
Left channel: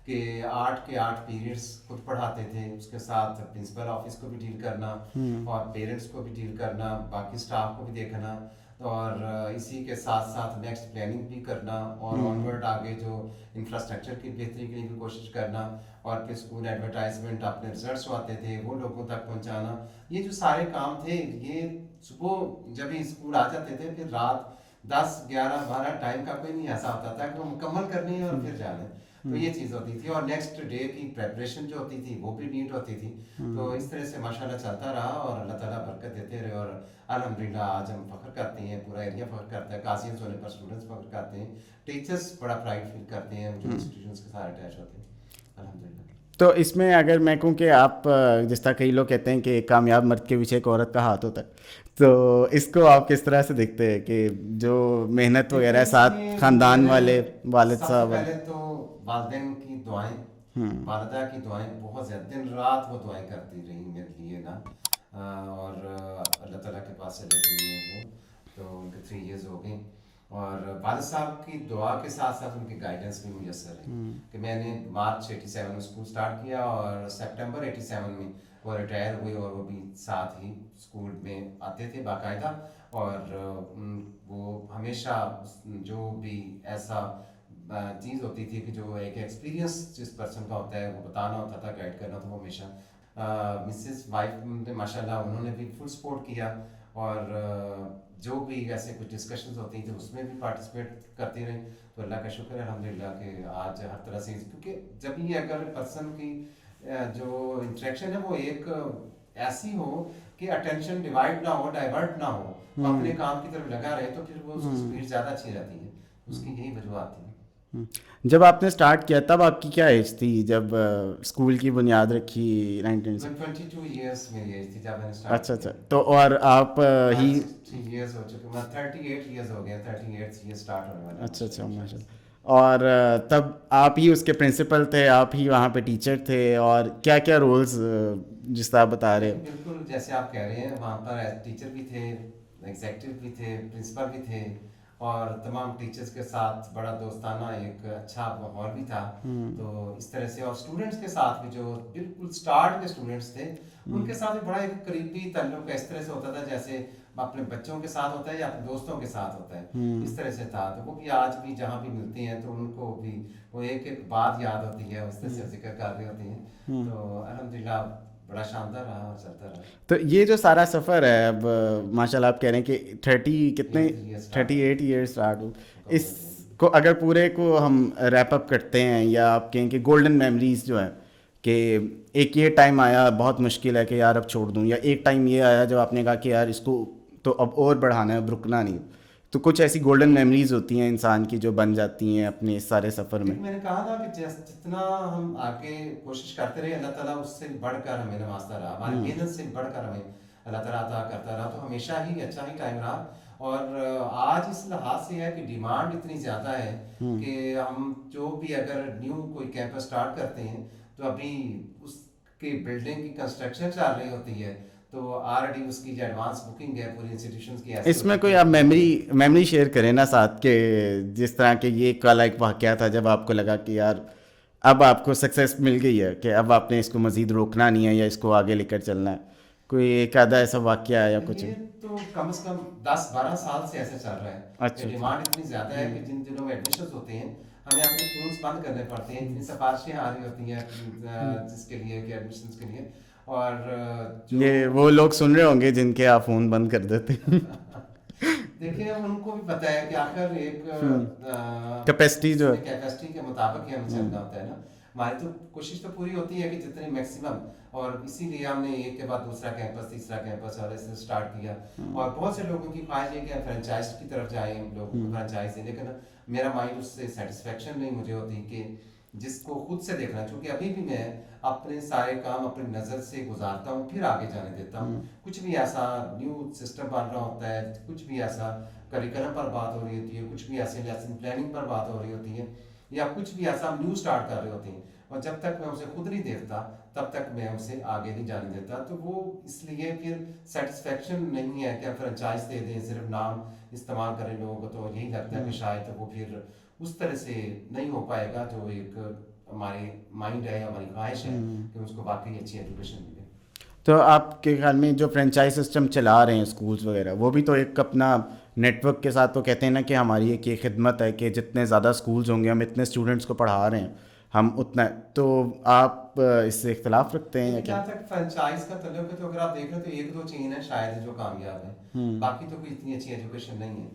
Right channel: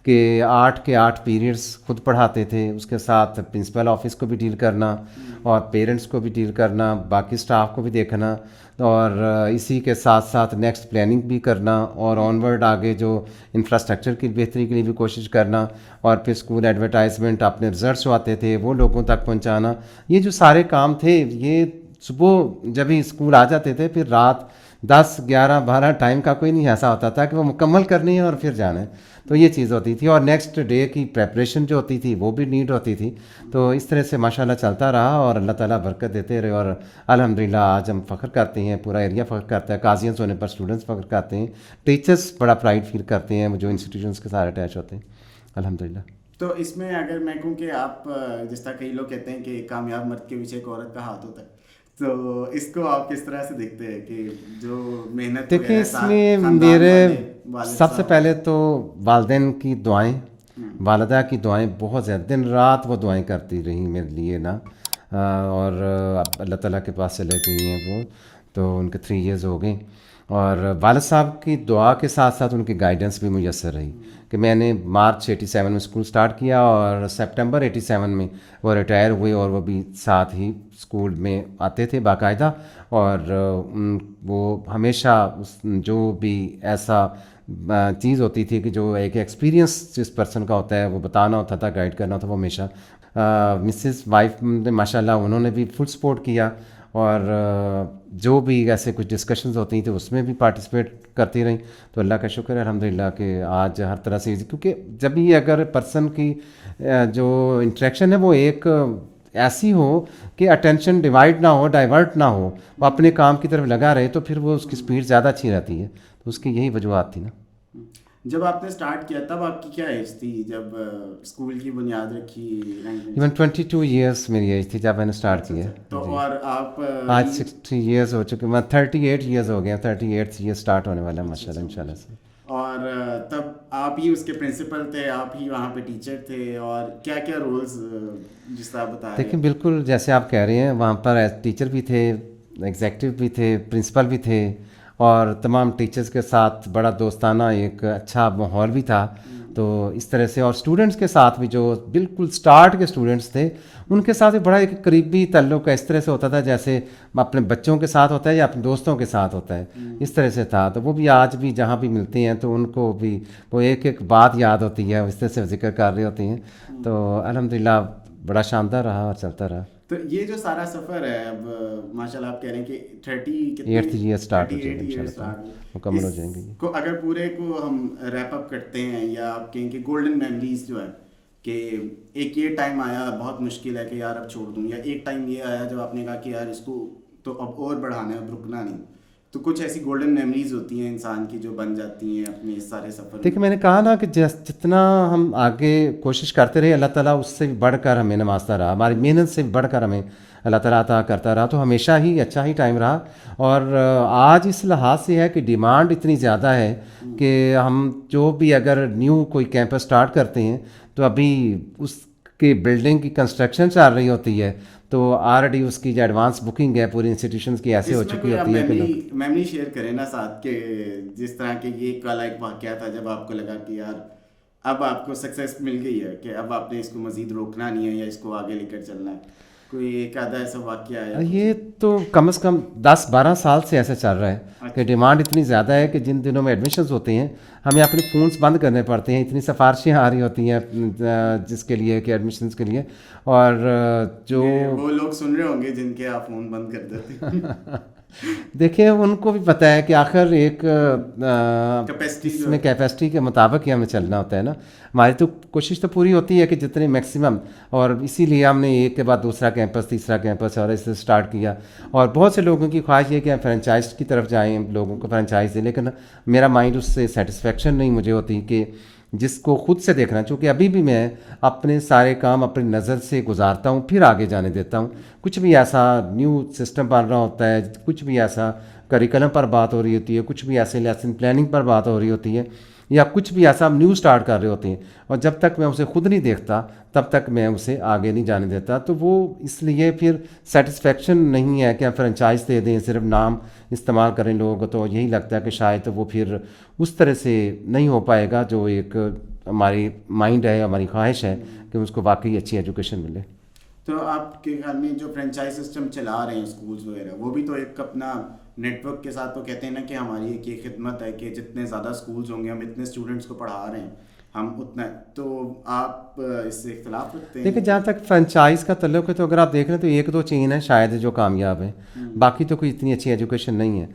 کہ 8 کے 8 پیریڈس خود پڑھاتے تھے, اس کے ساتھ پرنسپل آفس کو بھی ڈیل کرنا اور پیرنٹس کو بھی ڈیل کرنا, باقی اسٹاف کو بھی دیکھنا, اور اسی کے ساتھ ساتھ نیکسٹ پلاننگ بھی کرنا, اور آنورڈ آگے جو انفراسٹرکچر کی بہتری کے لیے بھی کوشش کرنا, اور پھر اسکول ایڈورٹائزمنٹ, اپنے رزلٹس جو آتے تھے وہ لوگوں تک پہنچانا. یہ جو سارے کام تھے یہ صبح جب ہی اسکول آ جاتے تھے پھر رات 10 11 12 ٹائم کا کوئی نہیں ایسا ہوتا تھا کہ وہ مکمل کرنی ہے اور پھر جانا ہے. تو یہ چیز ہوتی تھی, اور نیکسٹ ڈے کی پریپریشن جو ہوتی تھی وہ بھی نیڈ ہوتی تھی. تو اس طرح سے ماشاءاللہ چلتا رہا اور اللہ تعالیٰ برکت دیتے رہے, اور الحمدللہ آج ہم فخر کرتے ہیں, پورا ایریا فخر کرتا ہے, قاضیانس ہونے پر اسٹوڈنٹس فخر کرتے ہیں, ٹیچرس بڑا پرائڈ فیل کرتے ہیں جو انسٹیٹیوشنس کے ساتھ اٹیچ ہوتے ہیں الحمدللہ. تو اس میں اگر میں کہوں کہ آپ جس طرح کئی لوگ کہتے ہیں کہ ایک کامیاب مرد کے پیچھے ایک عورت کا ہاتھ ہوتا ہے, تو اس کو آپ کس طرح سے دیکھتے ہیں کہ جو محنت وغیرہ ساتھ خاندان والے, والد سب سے پہلے تو والدین کی دعائیں, والدہ کی دعائیں بہت زیادہ, دن رات وہ دعائیں کرتی رہیں میرے لیے نا, اور اللہ تعالیٰ کے پاس چلے گئی ہیں وہ, تو ان کے 3 ایئرز ہو گئے, اور والد صاحب کی دعا کے ساتھ ساتھ ان کی گائیڈنس بھی میسر رہی, کہ میں نے مارچ 87 میں اسکول سٹارٹ کیا اور سپٹمبر 87 میں وہ ریٹائر ہوئے, اور وہ بھی ساتھ ہی اسکول میں آتے تھے باقاعدہ, اور وہ ہمیشہ جو بھی ایسا چیز ہوتی تھی کہ جو ایک ایکسپیرینس جس پرسن کا ہوتا ہے وہ بتانا ہوتا تھا, گائیڈ کرنا ہوتا, وہ ہمیشہ مسز وائف نے ماشاءاللہ انہوں نے بھی فل سپورٹ کیا, اور جو بھی ایسے کچھ ڈسکشنز ہوتی تھیں اس میں بھی پارٹیسپیٹ کرتی رہیں. تو اللہ کا شکر ہے الحمدللہ کہ آج ہر طرح سے, کیونکہ جب بھی اگر پرسن کی جو انٹریکشن ہے وہ ایک ایسی ہو کہ اٹینشن ڈیوائڈ نہ ہو, ڈائیورٹ نہ ہو, وہ اپنے کام کی طرف لگا رہے, تو پھر وہ اس کی سپیڈ زیادہ اچھی رہتی ہے. اس کی یہی وجوہات تھی نا. جب آپ نے اسٹارٹ کیا تب آپ کی کیا ایج تھی جب اسکول کی بنیاد رکھی؟ 22 ایئرس میری ایج تھی جب میں نے اسٹارٹ کیا. تو اور آپ آج 60 ایئرس ہو چکے, میں 38 ایئرس ہو گئے, 38 ایئر اسٹارٹ ہونے والا ہے ماشاء اللہ انشاءاللہ سے. اور تب آپ ہی اس کے پرنسپل تھے, آپ ہی وہاں پہ ٹیچر تھے, اور کیا کیا رولز جس طرح آپ بتا رہے ہیں؟ دیکھیں بالکل جیسے آپ کہہ رہے ہیں, وہاں پر ٹیچر بھی تھے, ایگزیکٹو بھی تھے, پرنسپل بھی تھے, اور تمام ٹیچرز کے ساتھ بڑا دوستانہ ایک اچھا ماحول بھی تھا. تو اس طرح سے, اور اسٹوڈنٹس کے ساتھ بھی جو بالکل اسٹارٹ کے اسٹوڈنٹس تھے ان کے ساتھ بھی بڑا ایک قریبی تعلق اس طرح سے ہوتا تھا جیسے اپنے بچوں کے ساتھ ہوتا ہے یا اپنے دوستوں کے ساتھ ہوتا ہے, اس طرح سے تھا. تو وہ بھی آج بھی جہاں بھی ملتے ہیں تو ان کو بھی وہ ایک ایک بات یاد ہوتی ہے, اس طرح سے ذکر کر رہی ہوتی ہیں. تو الحمدللہ بڑا شاندار رہا اور چلتا رہا. تو یہ جو سارا سفر ہے, اب ماشاء اللہ آپ کہہ رہے ہیں کہ 38 ایئرس مکمل ہو جائیں گے کو اگر پورے کو ہم ریپ اپ کرتے ہیں, یا آپ کہیں کہ گولڈن میموریز جو ہیں, کہ ایک یہ ٹائم آیا بہت مشکل ہے کہ یار اب چھوڑ دوں, یا ایک ٹائم یہ آیا جب آپ نے کہا کہ یار اس کو تو اب اور بڑھانا ہے, اب رکنا نہیں, تو کچھ ایسی گولڈن میموریز ہوتی ہیں انسان کی جو بن جاتی ہیں اپنے اس سارے سفر میں؟ دیکھیں میں نے کہا نا کہ جتنا ہم آگے کوشش کرتے رہے اللہ تعالیٰ اس سے بڑھ کر ہمیں نوازتا رہا, ہماری محنت سے بڑھ کر ہمیں اللہ تعالیٰ عطا کرتا رہا. تو ہمیشہ ہی اچھا ہی ٹائم رہا. اور آج اس لحاظ سے ہے کہ ڈیمانڈ اتنی زیادہ ہے کہ ہم جو بھی اگر نیو کوئی کیمپس اسٹارٹ کرتے ہیں تو ابھی اس کی بلڈنگ کی کنسٹرکشن چل رہی ہوتی ہے, تو آلریڈی اس کی جو ایڈوانس بکنگ ہے پوری انسٹیٹیوشنس کی ایسے ہو چکی ہے. اس میں کوئی آپ میموری شیئر کریں نا ساتھ, کہ جس طرح کہ یہ کل ایک واقعہ تھا جب آپ کو لگا کہ یار اب آپ کو سکسیس مل گئی ہے, کہ اب آپ نے اس کو مزید روکنا نہیں ہے یا اس کو آگے لے کر چلنا ہے, کوئی ایک آدھا ایسا واقعہ ہے؟ یہ تو کم از کم 10-12 سال سے ایسا چل رہا ہے کہ ڈیمانڈ اتنی زیادہ ہے کہ جن دنوں میں ایڈمیشنز ہوتے ہیں ہمیں اپنے فونس بند کرنے پڑتے ہیں, اتنی سفارشیں آ رہی ہوتی ہیں جس کے لیے کہ ایڈمیشنز کے لیے. اور جو وہ لوگ سن رہے ہوں گے جن کے آپ فون بند کر دیتے ہیں دیکھیں ان کو بھی پتہ ہے کہ آخر ایک کیپیسٹی کے مطابق ہی ہمیں چلنا ہوتا ہے نا. ہماری تو کوشش تو پوری ہوتی ہے کہ جتنے میکسیمم, اور اسی لیے ہم نے ایک کے بعد دوسرا کیمپس, تیسرا کیمپس اور اسے اسٹارٹ کیا. اور بہت سے لوگوں کی خواہش یہ کہ ہم فرینچائز کی طرف جائیں, لوگوں کو فرینچائز دیں, لیکن میرا مائنڈ اس سے سیٹسفیکشن نہیں مجھے ہوتی کہ جس کو خود سے دیکھنا, چونکہ ابھی بھی میں اپنے سارے کام اپنی نظر سے گزارتا ہوں پھر آگے جانے دیتا ہوں. کچھ بھی ایسا نیو سسٹم بن رہا ہوتا ہے, کچھ بھی ایسا کریکلم پر بات ہو رہی ہوتی ہے, کچھ بھی ایسے لیسن پلاننگ پر بات ہو رہی ہوتی ہے, یا کچھ بھی ایسا ہم نیو اسٹارٹ کر رہے ہوتے ہیں, اور جب تک میں اسے خود نہیں دیکھتا تب تک میں اسے آگے نہیں جانے دیتا. تو وہ اس لیے پھر سیٹسفیکشن نہیں ہے کہ ہم فرینچائز دے دیں, صرف نام استعمال کریں لوگ, تو یہی لگتا ہے کہ شاید وہ پھر اس طرح سے نہیں ہو پائے گا جو ایک ہماری مائنڈ ہے, ہماری خواہش ہے کہ اس کو واقعی اچھی ایجوکیشن ملے. تو آپ کے خیال میں جو فرینچائز سسٹم چلا رہے ہیں اسکولس وغیرہ, وہ بھی تو ایک اپنا نیٹ ورک کے ساتھ وہ کہتے ہیں نا کہ ہماری ایک یہ خدمت ہے کہ جتنے زیادہ اسکولز ہوں گے, ہم اتنے اسٹوڈنٹس کو پڑھا رہے ہیں, ہم اتنا. تو آپ اس سے اختلاف رکھتے ہیں؟ دیکھیں جہاں تک فرینچائز کا تعلق ہے تو اگر آپ دیکھ رہے ہیں تو 1-2 چین ہے شاید جو کامیاب ہیں, باقی تو کوئی اتنی اچھی ایجوکیشن نہیں ہے.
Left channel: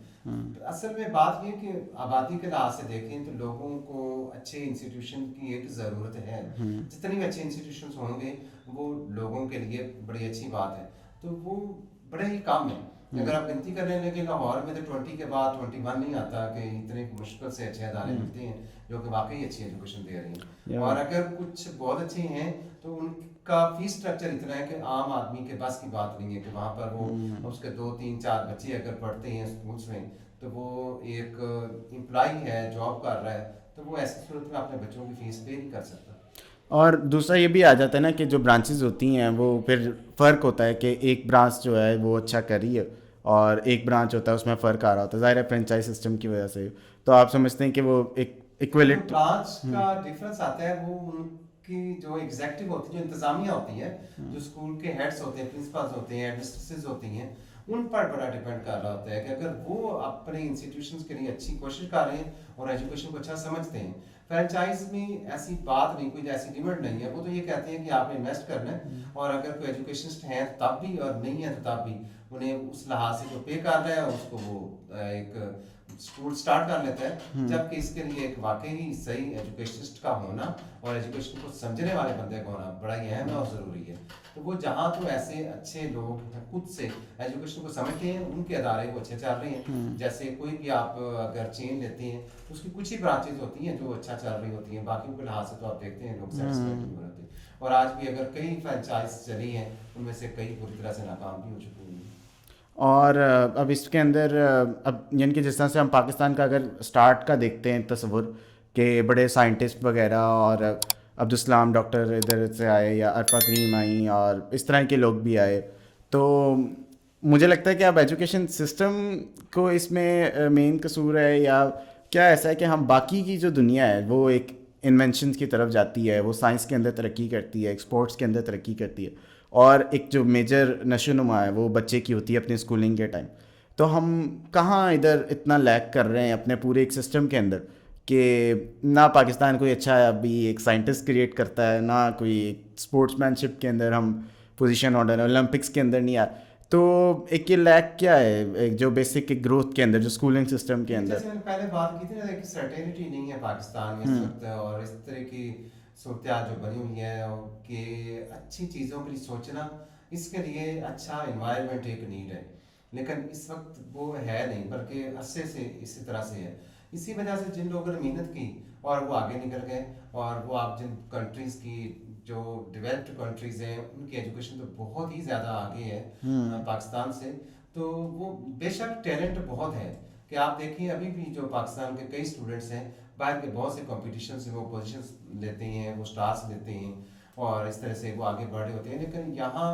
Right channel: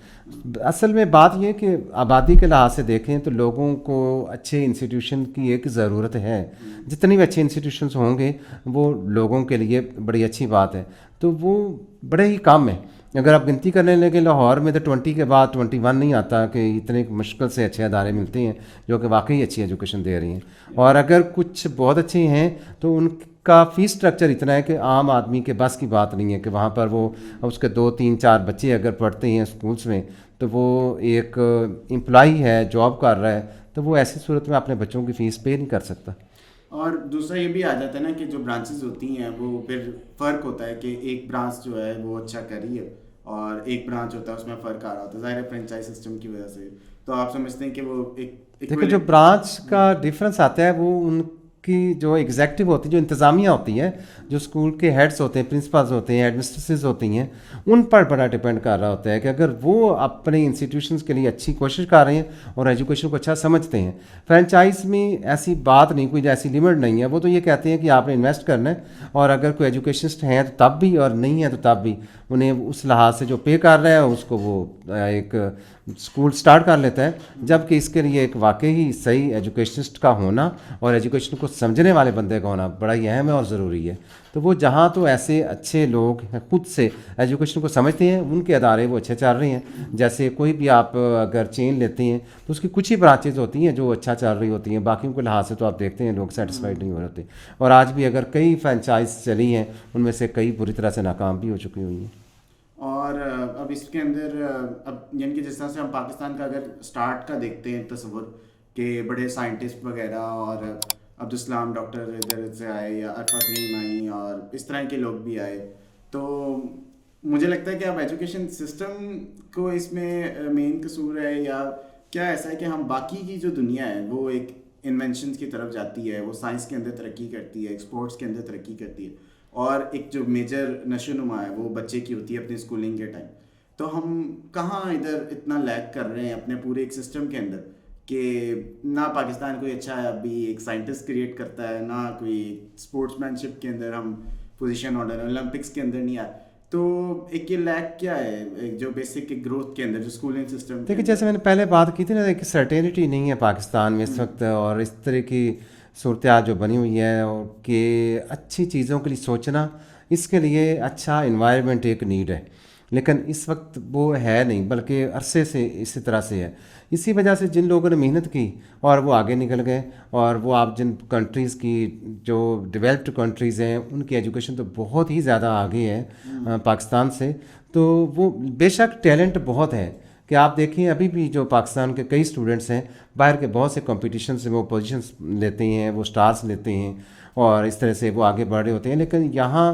اصل میں بات یہ کہ آبادی کے لحاظ سے دیکھیں تو لوگوں کو اچھے انسٹیٹیوشن کی ایک ضرورت ہے. جتنی بھی اچھے انسٹیٹیوشنس ہوں گے وہ لوگوں کے لیے بڑی اچھی بات ہے. تو وہ بڑے ہی کام ہے. اگر آپ گنتی کرنے لگے لاہور میں تو 20 کے بعد 21 نہیں آتا کہ اتنے مشکل سے اچھے ادارے ملتے ہیں جو کہ واقعی اچھی ایجوکیشن دے رہی ہیں. اور اگر کچھ بہت اچھے ہیں تو ان کا فیس اسٹرکچر اتنا ہے کہ عام آدمی کے بس کی بات نہیں ہے کہ وہاں پر وہ اس کے 2-3-4 بچے اگر پڑھتے ہیں اسکولس میں تو وہ ایک امپلائی ہے, جاب کر رہا ہے, تو وہ ایسی صورت میں اپنے بچوں کی فیس پے نہیں کر سکتا. اور دوسرا یہ بھی آ جاتا ہے نا کہ جو برانچز ہوتی ہیں وہ پھر فرق ہوتا ہے کہ ایک برانچ جو ہے وہ اچھا کر رہی ہے اور ایک برانچ ہوتا ہے اس میں فرق آ رہا ہوتا ہے, ظاہر ہے فرینچائز سسٹم کی وجہ سے. تو آپ سمجھتے ہیں کہ وہ ایک جو برانچ کا ڈفرینس آتا ہے وہ ان کی جو ایگزیکٹو ہوتی ہے, جو انتظامیہ ہوتی ہے, جو اسکول کے ہیڈس ہوتے ہیں, پرنسپلز ہوتے ہیں, ایڈمنسٹریٹرز ہوتی ہیں, ان پر بڑا ڈپینڈ کر رہا ہوتا ہے کہ اگر وہ اپنے انسٹیٹیوشنس کے لیے اچھی کوشش کر رہے ہیں اور ایجوکیشن کو اچھا سمجھتے ہیں. فرینچائز میں ایسی بات نہیں, کوئی ایسی لمٹ نہیں ہے. وہ تو یہ کہتے ہیں کہ آپ نے انویسٹ کرنا ہے, اور اگر کوئی ایجوکیشنسٹ ہیں تو تب بھی, اور نہیں ہے تو تب بھی, انہیں اس لحاظ سے جو پے کر رہا ہے اس کو وہ ایک اسکول اسٹارٹ کر لیتا ہے، جبکہ اس کے لیے ایک واقعی صحیح ایجوکیشنسٹ کا ہونا اور ایجوکیشن کو سمجھنے والے بندے کا ہونا بڑا ہی اہم ہے اور ضروری ہے. تو وہ جہاں تو ایسے اچھے لوگ خود سے ایجوکیشن کو سمجھتے ہیں، ان کے ادارے وہ اچھے چل رہے ہیں. جیسے کوئی بھی آپ اگر چین لیتے ہیں تو اس کی کچھ ہی برانچز ہوتی ہیں جو اچھا چل رہی ہوتی ہیں، باقیوں کے لحاظ سے تو آپ دیکھتے ہیں لوگ سیٹسفائڈ نہیں ہو رہتے. اور آج بھی اگر کئی فرینچائز چلی ہیں ان میں سے کئی بری طرح سے ناکام بھی ہو چکی ہوئی ہیں. اور اب اس کے اندر اب یعنی کہ جس طرح سے ہم پاکستان کا اگر اسٹارٹ کا دیکھتے ہیں تصور کہ بڑے سائنٹسٹ وغیرہ اور عبدالسلام ڈاکٹر ادھر سے آئے یا عرفہ کریم آئیں اور اس طرح کے لوگ بھی آئے، تو مجھے لگتا ہے کہ اب ایجوکیشن سسٹم کو اس میں مین قصور ہے، یا کیا ایسا ہے کہ ہم باقی کی جو دنیا ہے وہ ایک انوینشنس کی طرف جاتی ہے، وہ سائنس کے اندر ترقی کرتی ہے، ایکسپورٹس کے اندر ترقی کرتی ہے، اور ایک جو میجر نشو نما ہے وہ بچے کی ہوتی ہے اپنے اسکولنگ کے ٹائم. تو ہم کہاں ادھر اتنا لیک کر رہے ہیں اپنے پورے ایک سسٹم کے اندر کہ نہ پاکستان کوئی اچھا ابھی ایک سائنٹسٹ کریٹ کرتا ہے، نہ کوئی اسپورٹس مین شپ کے اندر ہم پوزیشن آرڈر اولمپکس کے اندر نہیں آئے. تو ایک یہ لیک کیا ہے ایک جو بیسک گروتھ کے اندر جو اسکولنگ سسٹم کے دیکھیے جیسے میں نے پہلے بات کی تھی نا کہ سرٹینٹی نہیں ہے پاکستان میں اس وقت، اور اس طرح کی صورتحال جو بنی ہوئی ہے کہ اچھی چیزوں کے لیے سوچنا، اس کے لیے اچھا انوائرمنٹ ایک نیڈ ہے، لیکن اس وقت وہ ہے نہیں، بلکہ عرصے سے اسی طرح سے ہے. اسی وجہ سے جن لوگوں نے محنت کی اور وہ آگے نکل گئے، اور وہ آپ جن کنٹریز کی جو ڈیولپڈ کنٹریز ہیں ان کی ایجوکیشن تو بہت ہی زیادہ آگے ہے پاکستان سے. تو وہ بے شک ٹیلنٹ بہت ہے کہ آپ دیکھیں ابھی بھی جو پاکستان کے کئی اسٹوڈنٹس ہیں باہر کے بہت سے کمپٹیشنس میں وہ پوزیشنس لیتے ہیں، وہ اسٹارس لیتے ہیں اور اس طرح سے وہ آگے بڑھ رہے ہوتے ہیں. لیکن یہاں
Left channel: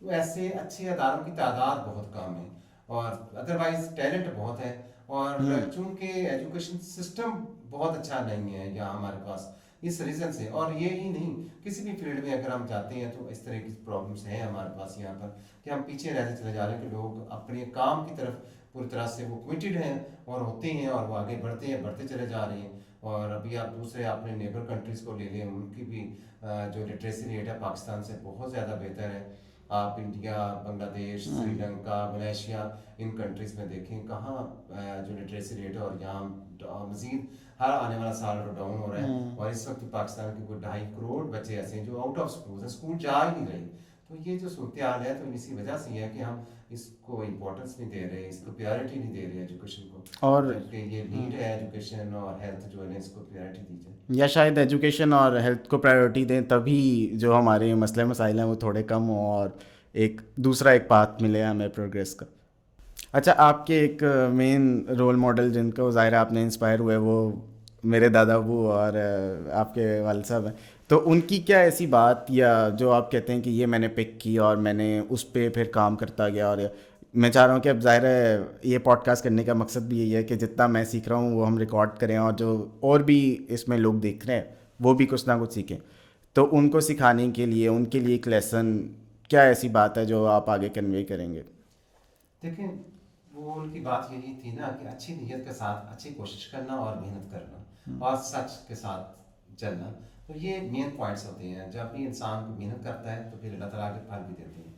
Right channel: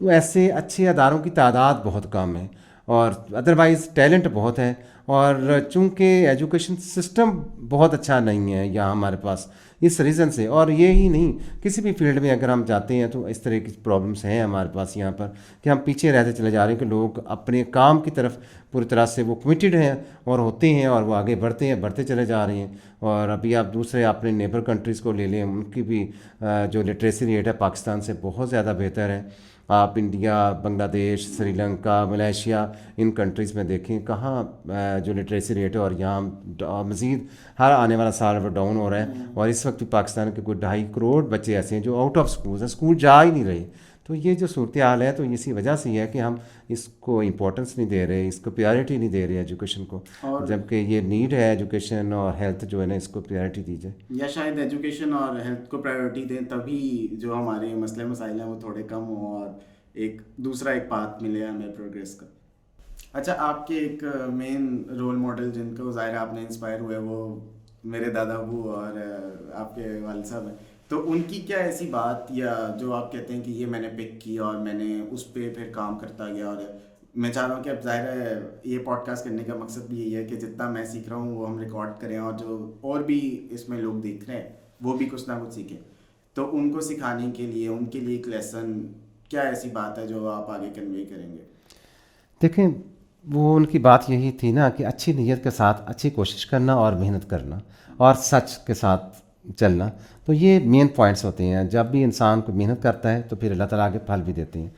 وہ ایسے اچھے اداروں کی تعداد بہت کم ہے، اور ادروائز ٹیلنٹ بہت ہے. اور چونکہ ایجوکیشن سسٹم بہت اچھا نہیں ہے یہاں ہمارے پاس اس ریزن سے، اور یہ ہی نہیں کسی بھی فیلڈ میں اگر ہم جاتے ہیں تو اس طرح کی پرابلمس ہیں ہمارے پاس یہاں پر کہ ہم پیچھے رہتے چلے جا رہے ہیں، کہ لوگ اپنے کام کی طرف پوری طرح سے وہ کمیٹیڈ ہیں اور ہوتے ہیں اور وہ آگے بڑھتے چلے جا رہے ہیں. اور ابھی آپ دوسرے اپنے نیبر کنٹریز کو لے لیں، ان کی بھی جو لٹریسی ریٹ ہے پاکستان سے بہت زیادہ بہتر ہے. آپ انڈیا، بنگلہ دیش، سری لنکا، ملیشیا، ان کنٹریز میں دیکھیں کہاں جو لٹریسی ریٹ ہے، اور یہاں مزید ہر آنے والا سال وہ ڈاؤن ہو رہا ہے. اور اس وقت پاکستان کے کوئی 2.5 کروڑ بچے ایسے ہیں جو آؤٹ آف اسکول ہیں، اسکول جا ہی نہیں رہے. تو یہ جو صورتحال ہے تو اسی وجہ سے یہ ہے کہ ہم اس کو امپورٹنس نہیں دے رہے، اس کو پریارٹی نہیں دے رہے ایجوکیشن کو، اور جبکہ یہ نیڈ ہے ایجوکیشن اور ہیلتھ جو ہے نا اس کو پریارٹی دی جائے. یا شاید ایجوکیشن اور ہیلتھ کو پرائیورٹی دیں تبھی جو ہمارے مسئلے مسائل ہیں وہ تھوڑے کم ہوں اور ایک دوسرا ایک پاتھ ملے ہمیں پروگریس کا. اچھا، آپ کے ایک مین رول ماڈل جن کو ظاہر آپ نے انسپائر ہوئے وہ میرے دادا ابو اور آپ کے والد صاحب ہیں. تو ان کی کیا ایسی بات یا جو آپ کہتے ہیں کہ یہ میں نے پک کی اور میں نے اس پہ پھر کام کرتا گیا؟ اور میں چاہ رہا ہوں کہ اب ظاہر ہے یہ پوڈ کاسٹ کرنے کا مقصد بھی یہی ہے کہ جتنا میں سیکھ رہا ہوں وہ ہم ریکارڈ کریں اور جو اور بھی اس میں لوگ دیکھ رہے ہیں وہ بھی کچھ نہ کچھ سیکھیں. تو ان کو سکھانے کے لیے ان کے لیے ایک لیسن کیا ایسی بات ہے جو آپ آگے کنوے کریں گے؟ دیکھیں وہ ان کی بات یہی تھی نا کہ اچھی نیت کے ساتھ اچھی کوشش کرنا اور محنت کرنا اور سچ کے ساتھ چلنا، تو یہ مین پوائنٹس ہوتے ہیں. جب بھی انسان کو محنت کرتا ہے تو پھر اللہ تعالیٰ آگے پھل بھی دیتے ہیں.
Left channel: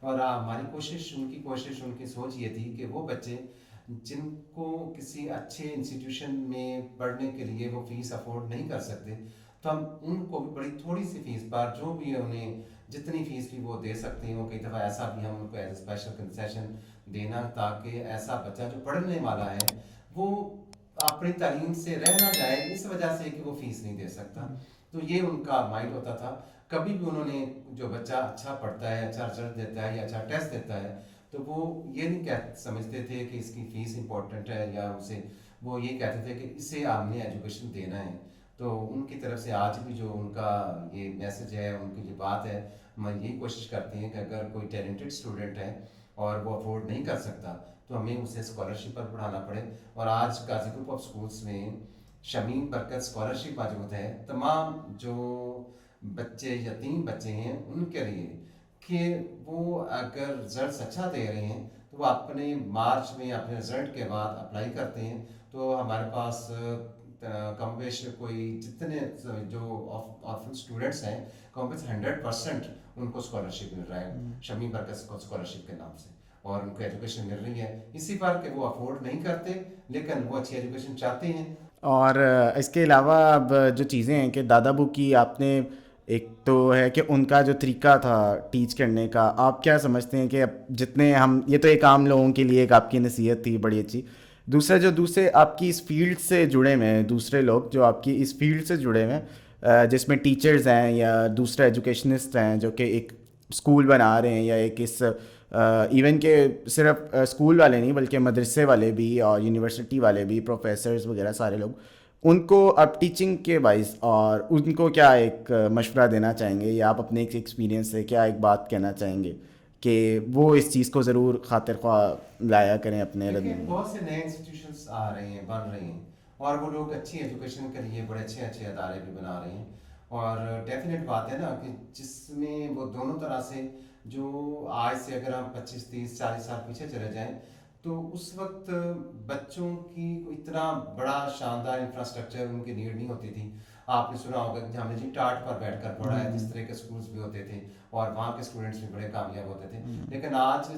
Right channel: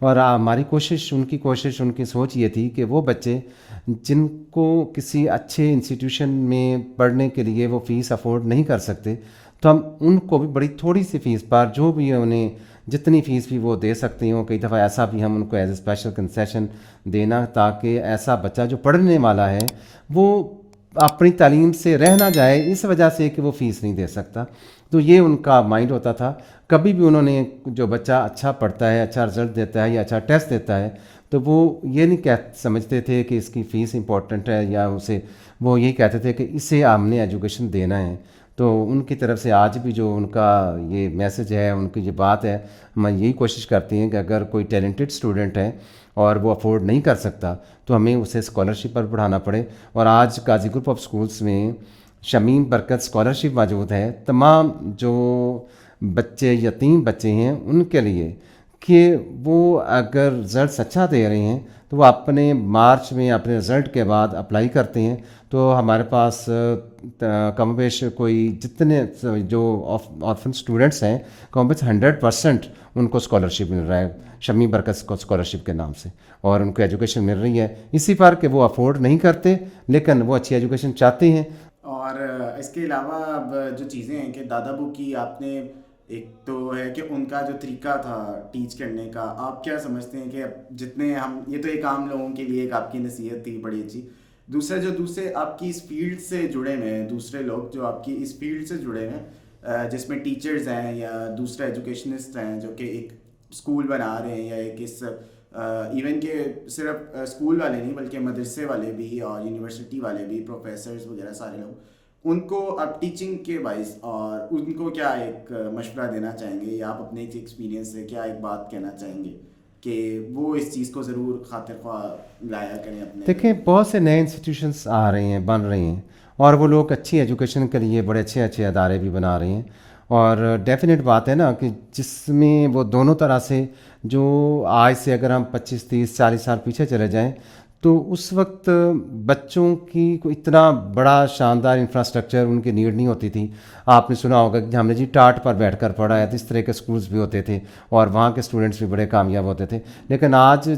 اور ہماری کوشش، ان کی سوچ یہ تھی کہ وہ بچے جن کو کسی اچھے انسٹیٹیوشن میں پڑھنے کے لیے وہ فیس افورڈ نہیں کر سکتے، تو ہم ان کو بھی بڑی تھوڑی سی فیس پر جو بھی انہیں جتنی فیس بھی وہ دے سکتے ہوں، کئی دفعہ ایسا بھی ہم ان کو ایز اے اسپیشل کنسیشن دینا تاکہ ایسا بچہ جو پڑھنے والا ہے وہ اپنی تعلیم سے رہ نہ جائے اس وجہ سے کہ وہ فیس نہیں دے سکتا. تو یہ ان کا مائنڈ ہوتا تھا. کبھی بھی انہوں نے جو بچہ اچھا پڑھتا ہے، اچھا رزلٹ دیتا ہے یا اچھا ٹیسٹ دیتا ہے تو وہ یہ نہیں سمجھتے تھے کہ اس کی فیس امپورٹنٹ ہے، یا اسے وہ یہی کہتے تھے کہ اسے ہم نے ایجوکیشن دینا ہے. تو ان کی طرف سے آج بھی جو ان کا یہ میسج ہے، ان کی یہ بات ہے، ہم یہی کوشش کرتے ہیں کہ اگر کوئی ٹیلنٹڈ اسٹوڈنٹ ہے اور وہ افورڈ نہیں کر سکتا تو ہمیں اسے اسکالرشپ پر پڑھانا پڑے. اور آج قاضی گروپ آف اسکولس میں شمیم برکت اسکالرشپ موجود ہے تمام جو بچے یتیم بچے ہیں ان کے لیے، کہ وہ اگر رزلٹس اچھا دے رہے ہیں تو وہ اپنے مارچ میں اپنے رزلٹ کے بعد اپلائی کرتے ہیں تو ہمارے پاس کم بیش کوئی جتنے جو آرفن اسٹوڈنٹس ہیں کم بیش 100% ان کو اسکالرشپ مل رہا ہے شمی برکت کو اسکالرشپ کے نام سے, اور ان کو ایجوکیشن مل رہی ہے اسی پر کہ وہ افورڈ نہیں کرتے لیکن وہ اچھی ایجوکیشن چاہتے ہیں. اور اس کے علاوہ اب جو چیزیں ہیں کہ دادا ابو کی آپ نے ایک تو ہے کہ ان کا جو طریقہ تھا ٹیچ کرنے کا, آپ کیا سمجھتے ہیں کہ اب جتنے ہم, یہ تو ایک عام لوگوں کے لیے ایک آپ کی نصیحت تھی بڑی اچھی, دوسرے جو دوسرے آپ کی اس فیلڈ سے جڑے ہوئے ہیں, دوسرے لوگ جو آپ کی اس فیلڈ سے جڑے ہوئے ہیں جس میں ٹیچرز ہیں یا دوسرے ایجوکیشنسٹ ہیں جو کہ ایک اسکول بنا رہے ہیں یا ایک اس ایون کہ صرف اسکول والے نہیں بلکہ مدرسے والے بھی اور یونیورسٹی والے بھی, پروفیسرز وغیرہ سارے لوگ, ان کو آپ ٹیچنگ کے باعث اور ان کو کیا ایک مشورہ دینا چاہیں گے یا آپ اپنے ایک ایکسپیرینس سے کیا ایک بات کہنا چاہیں گے کہ وہ اس چیز کو ضرور خاطر خواہ لایا کریں اپنے؟ دیکھیں بہت سے نئے انسٹیٹیوشنس آ رہے ہیں, بن رہے ہیں, اور وہ لوگ اچھی ایجوکیشن کے لیے بڑے اچھے اچھے ادارے بھی بنا رہے ہیں, اور ڈیفینیٹ بات ہے نا کہ جس میں وہ دونوں طرح سے, جو آج سے اگر ہم 25 30 40 سال پیچھے چلے جائیں تو اس وقت بچوں کی کوئی اتنا بڑا شاندار انفراسٹرکچر ان کی نیڈ نہیں ہوتی تھی. آپ نے سنا ہوگا کہ ہم نے جی ٹاٹ پر بیٹھ کر پڑھا ہے, تو اس طرح کے اسکولس بھی ہوتے تھے اور وہاں کے اسٹوڈنٹس بھی بڑے کامیاب ہوتے تھے. لیکن آج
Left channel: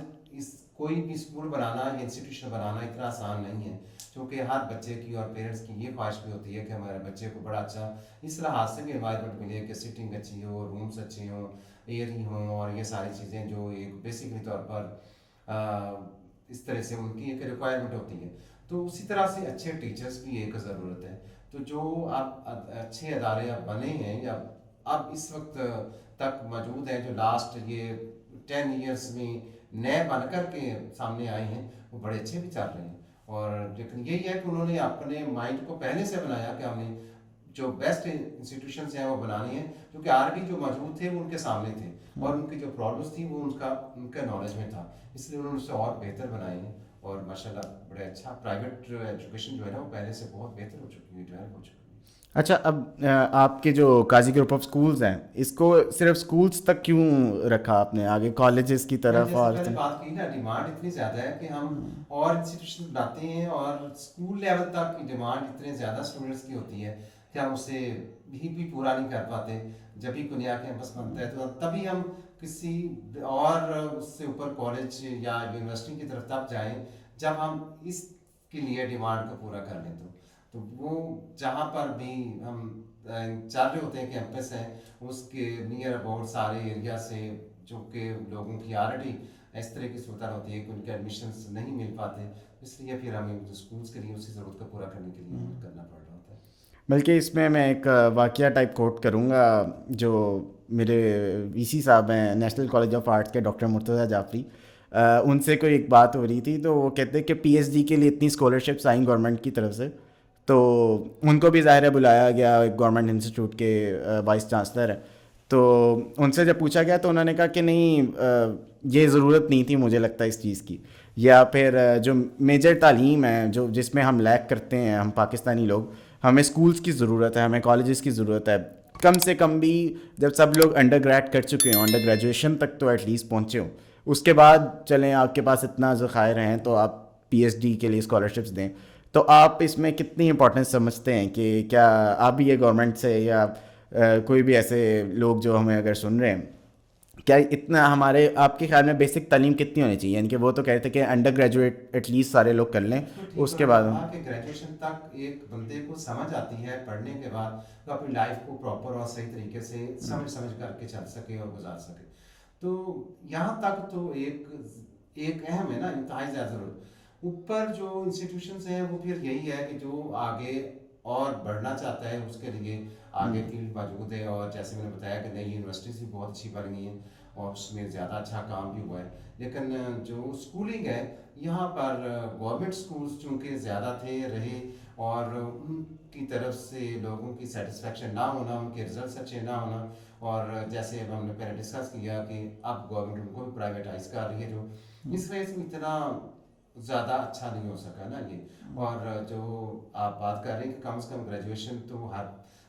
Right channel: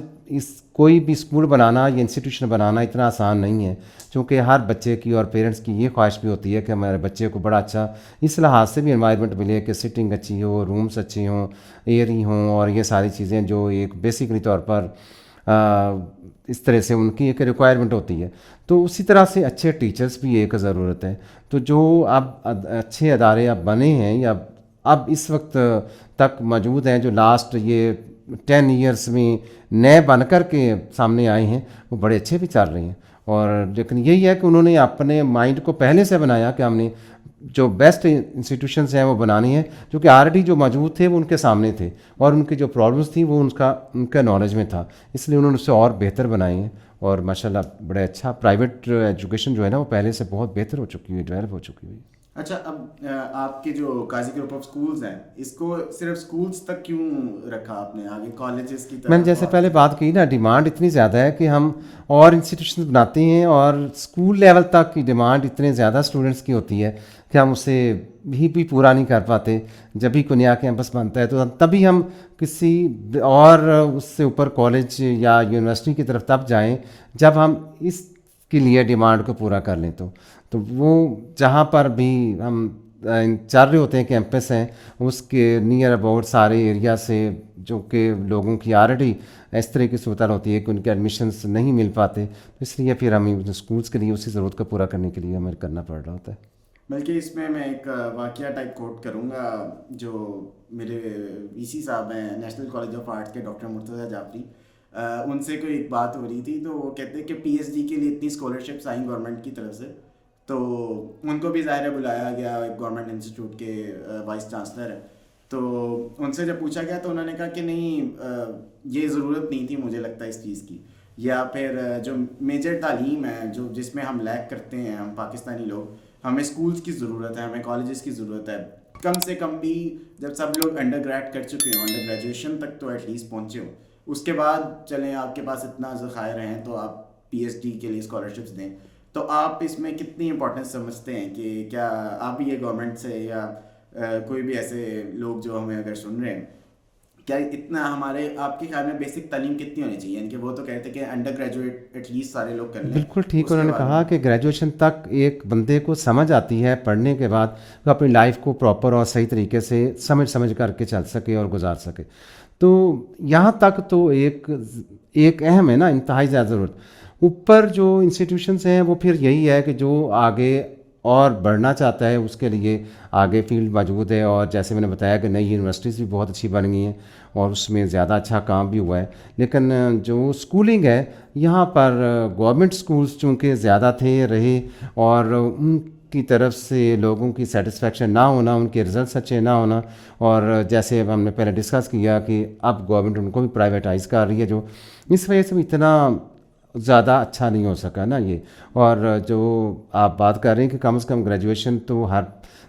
کوئی بھی اسکول بنانا یا انسٹیٹیوشن بنانا اتنا آسان نہیں ہے, چونکہ ہر بچے کی اور پیرنٹس کی یہ خواہش بھی ہوتی ہے کہ ہمارے بچے کو بڑا اچھا اس لحاظ سے بھی انوائرمنٹ ملے کہ سٹنگ اچھی ہو, رومس اچھے ہوں, ایئری ہوں, اور یہ ساری چیزیں جو ایک بیسکلی طور پر اس طرح سے ان کی ایک ریکوائرمنٹ ہوتی ہے. تو اسی طرح سے اچھے ٹیچرز بھی ایک ضرورت ہے. تو جو اب اچھے ادارے اب بنے ہیں یا اب اس وقت تک موجود ہیں, جو لاسٹ یہ 10 ایئرس میں نئے بن کر کے سامنے آئے ہیں, وہ بڑے اچھے بھی چل رہے ہیں. اور لیکن یہی ہے کہ انہوں نے اپنے مائنڈ کو پہلے سے بنایا کہ ہم نے جو بیسٹ انسٹیٹیوشنز ہیں وہ بنانے ہیں, جو کہ آلریڈی جو موجود تھے وہ ان کے سامنے تھے, اور ان کی جو پرابلمس تھیں وہ ان کا نالج میں تھا, اس لیے انہوں نے اسے اور بہتر بنائے ہیں. اور ماشاءاللہ بڑے اچھا پرائیویٹ ایجوکیشن جو ہے نا وہ پہلے سے بہت بہتر ہو چکی ہوئی, ڈیولپ ہو چکی ہوئی. اچھا, اب آپ کے جو قاضی گروپ آف اسکولز ہیں اس کو صرف اسکولز تک کیوں رکھا آپ نے, آگے کالجز کی طرف؟ میں نے جیسے پہلے بات کی نا, ڈیمانڈ اتنی زیادہ ہے کہ ہم اور انسٹیٹیوشن بناتے ہیں, اور اسکول لیول تک کی ڈیمانڈ اتنے زیادہ اسٹوڈنٹس کی ہوتی ہے کہ ہم اسے بھی پورا نہیں کر پاتے. جب بھی کوئی نیا کیمپس بنتا ہے تو تبھی ہم کسی اور اس سے اوپر کالج یا یونیورسٹی کی طرف تب جائیں جب ہم اس کے لیے ڈیمانڈ کو پورا کر لیں. تو وہ جہاں پر بھی ہم چل رہے ہوتے ہیں کیمپس ہیں, اس کے نیئر اباؤٹ سارے ایریا سے جو کہ لوگوں کی آلریڈی اس طرح کی صورتحال ہوتی ہے کہ ان کے ایڈمیشنس نہیں مل پاتے, تو اس لیے پھر ہمیں اسکولس کے لیے اسی ضرورت کو پورا کرنے کے لیے ہمیں کرنا پڑ رہا ہوتا ہے. بلکہ اس میں ایک واقعہ ٹائپ کوٹ کروں گا, جو میرے وی سی صاحب ہیں نیشنل کالج آف آرٹس کے, ڈاکٹر مرتضیٰ جعفری, ان سے کوئی ایک بات ہو رہی تھی, تو وہ کہتے ہیں کہ پی ایچ ڈی کے لیے اتنی اسکالرشپس آئیں گورنمنٹ کی طرف سے, تو ان کو بھی ظاہر ہے بلایا گیا, ایک گورنمنٹ انسٹیٹیوٹ کے وائس چانسلر ہے, تو ان سے جب پوچھا گیا تو انہوں نے کہا کہ نہیں, یہ ضرورت نہیں تھی مجھے لگتا ہے اس چیز کی, یا پھر جو میجر تعلیم ہے جو جس میں ہم لیک کرتے ہیں ہم پاکستانی لوگ, ہمیں اسکولس کی ضرورت ہے, ہمیں کالجز کی ضرورت ہے, کم سے کم بھی جب سب لوگ انڈر گریڈ کر چکے ہوں, انڈر گریجویشن تک تو ایٹ لیسٹ پہنچے ہوں, اس کے بعد چلیں آپ کے پاس اتنا ذخائر ہیں تو آپ پی ایچ ڈی کے لیے اسکالرشپس دیں. تو آپ اس میں کتنی امپورٹنس سمجھتے ہیں کہ کیا آپ بھی یہ گورنمنٹ سے یا کوئی بھی ایسے لوگ جو ہمیں اگر سن رہے ہیں, کیا اتنا ہمارے آپ کے خیال میں بیسک تعلیم کتنی ہونی چاہیے؟ یعنی کہ وہ تو کہتے ہیں کہ انڈر گریجویٹ ایٹ لیسٹ سارے لوگ کر لیں. بالکل ٹھیک, انہوں نے کہا کہ گریجویشن تک ایک بندے کو سمجھ آتی ہے, پڑھنے کے بعد وہ اپنی لائف کو پراپر اور صحیح طریقے سے سمجھ کر کے چل سکے اور گزار سکے. تو یہاں تک تو ایک اہم ہے نا, انتہائی زیادہ ضرورت. اوپر جو انسٹیٹیوشنس ہیں وہ پھر یہی ہے کہ جو آگے اور بڑھنا چاہتا ہے اس کے لیے آگے فیلڈ موجود ہے, اور جیسے میں نے بتایا کہ نئی یونیورسٹیز بھی بہت اچھی بن گئی ہیں اور اس میں زیادہ اچھا کام بھی ہوا ہے. لیکن جو اسکولنگ ہے یہاں پر گورنمنٹ اسکولس چونکہ زیادہ تھے رہے, اور ان کی طرف سے لوگوں کی سیٹسفیکشن نہ ہونا, ان کے رزلٹس اچھے نہ ہونا, اور جیسے ہم نے پہلے ڈسکس کیا کہ اب گورنمنٹ ان کو بھی پرائیویٹائز کر رہی ہے, جو اس وجہ سے بھی اتنا زیادہ اچھا نہیں ہو سکا نا یہ. اور جو آپ بات کر رہے ہیں کہ کم از کم گریجویشن تو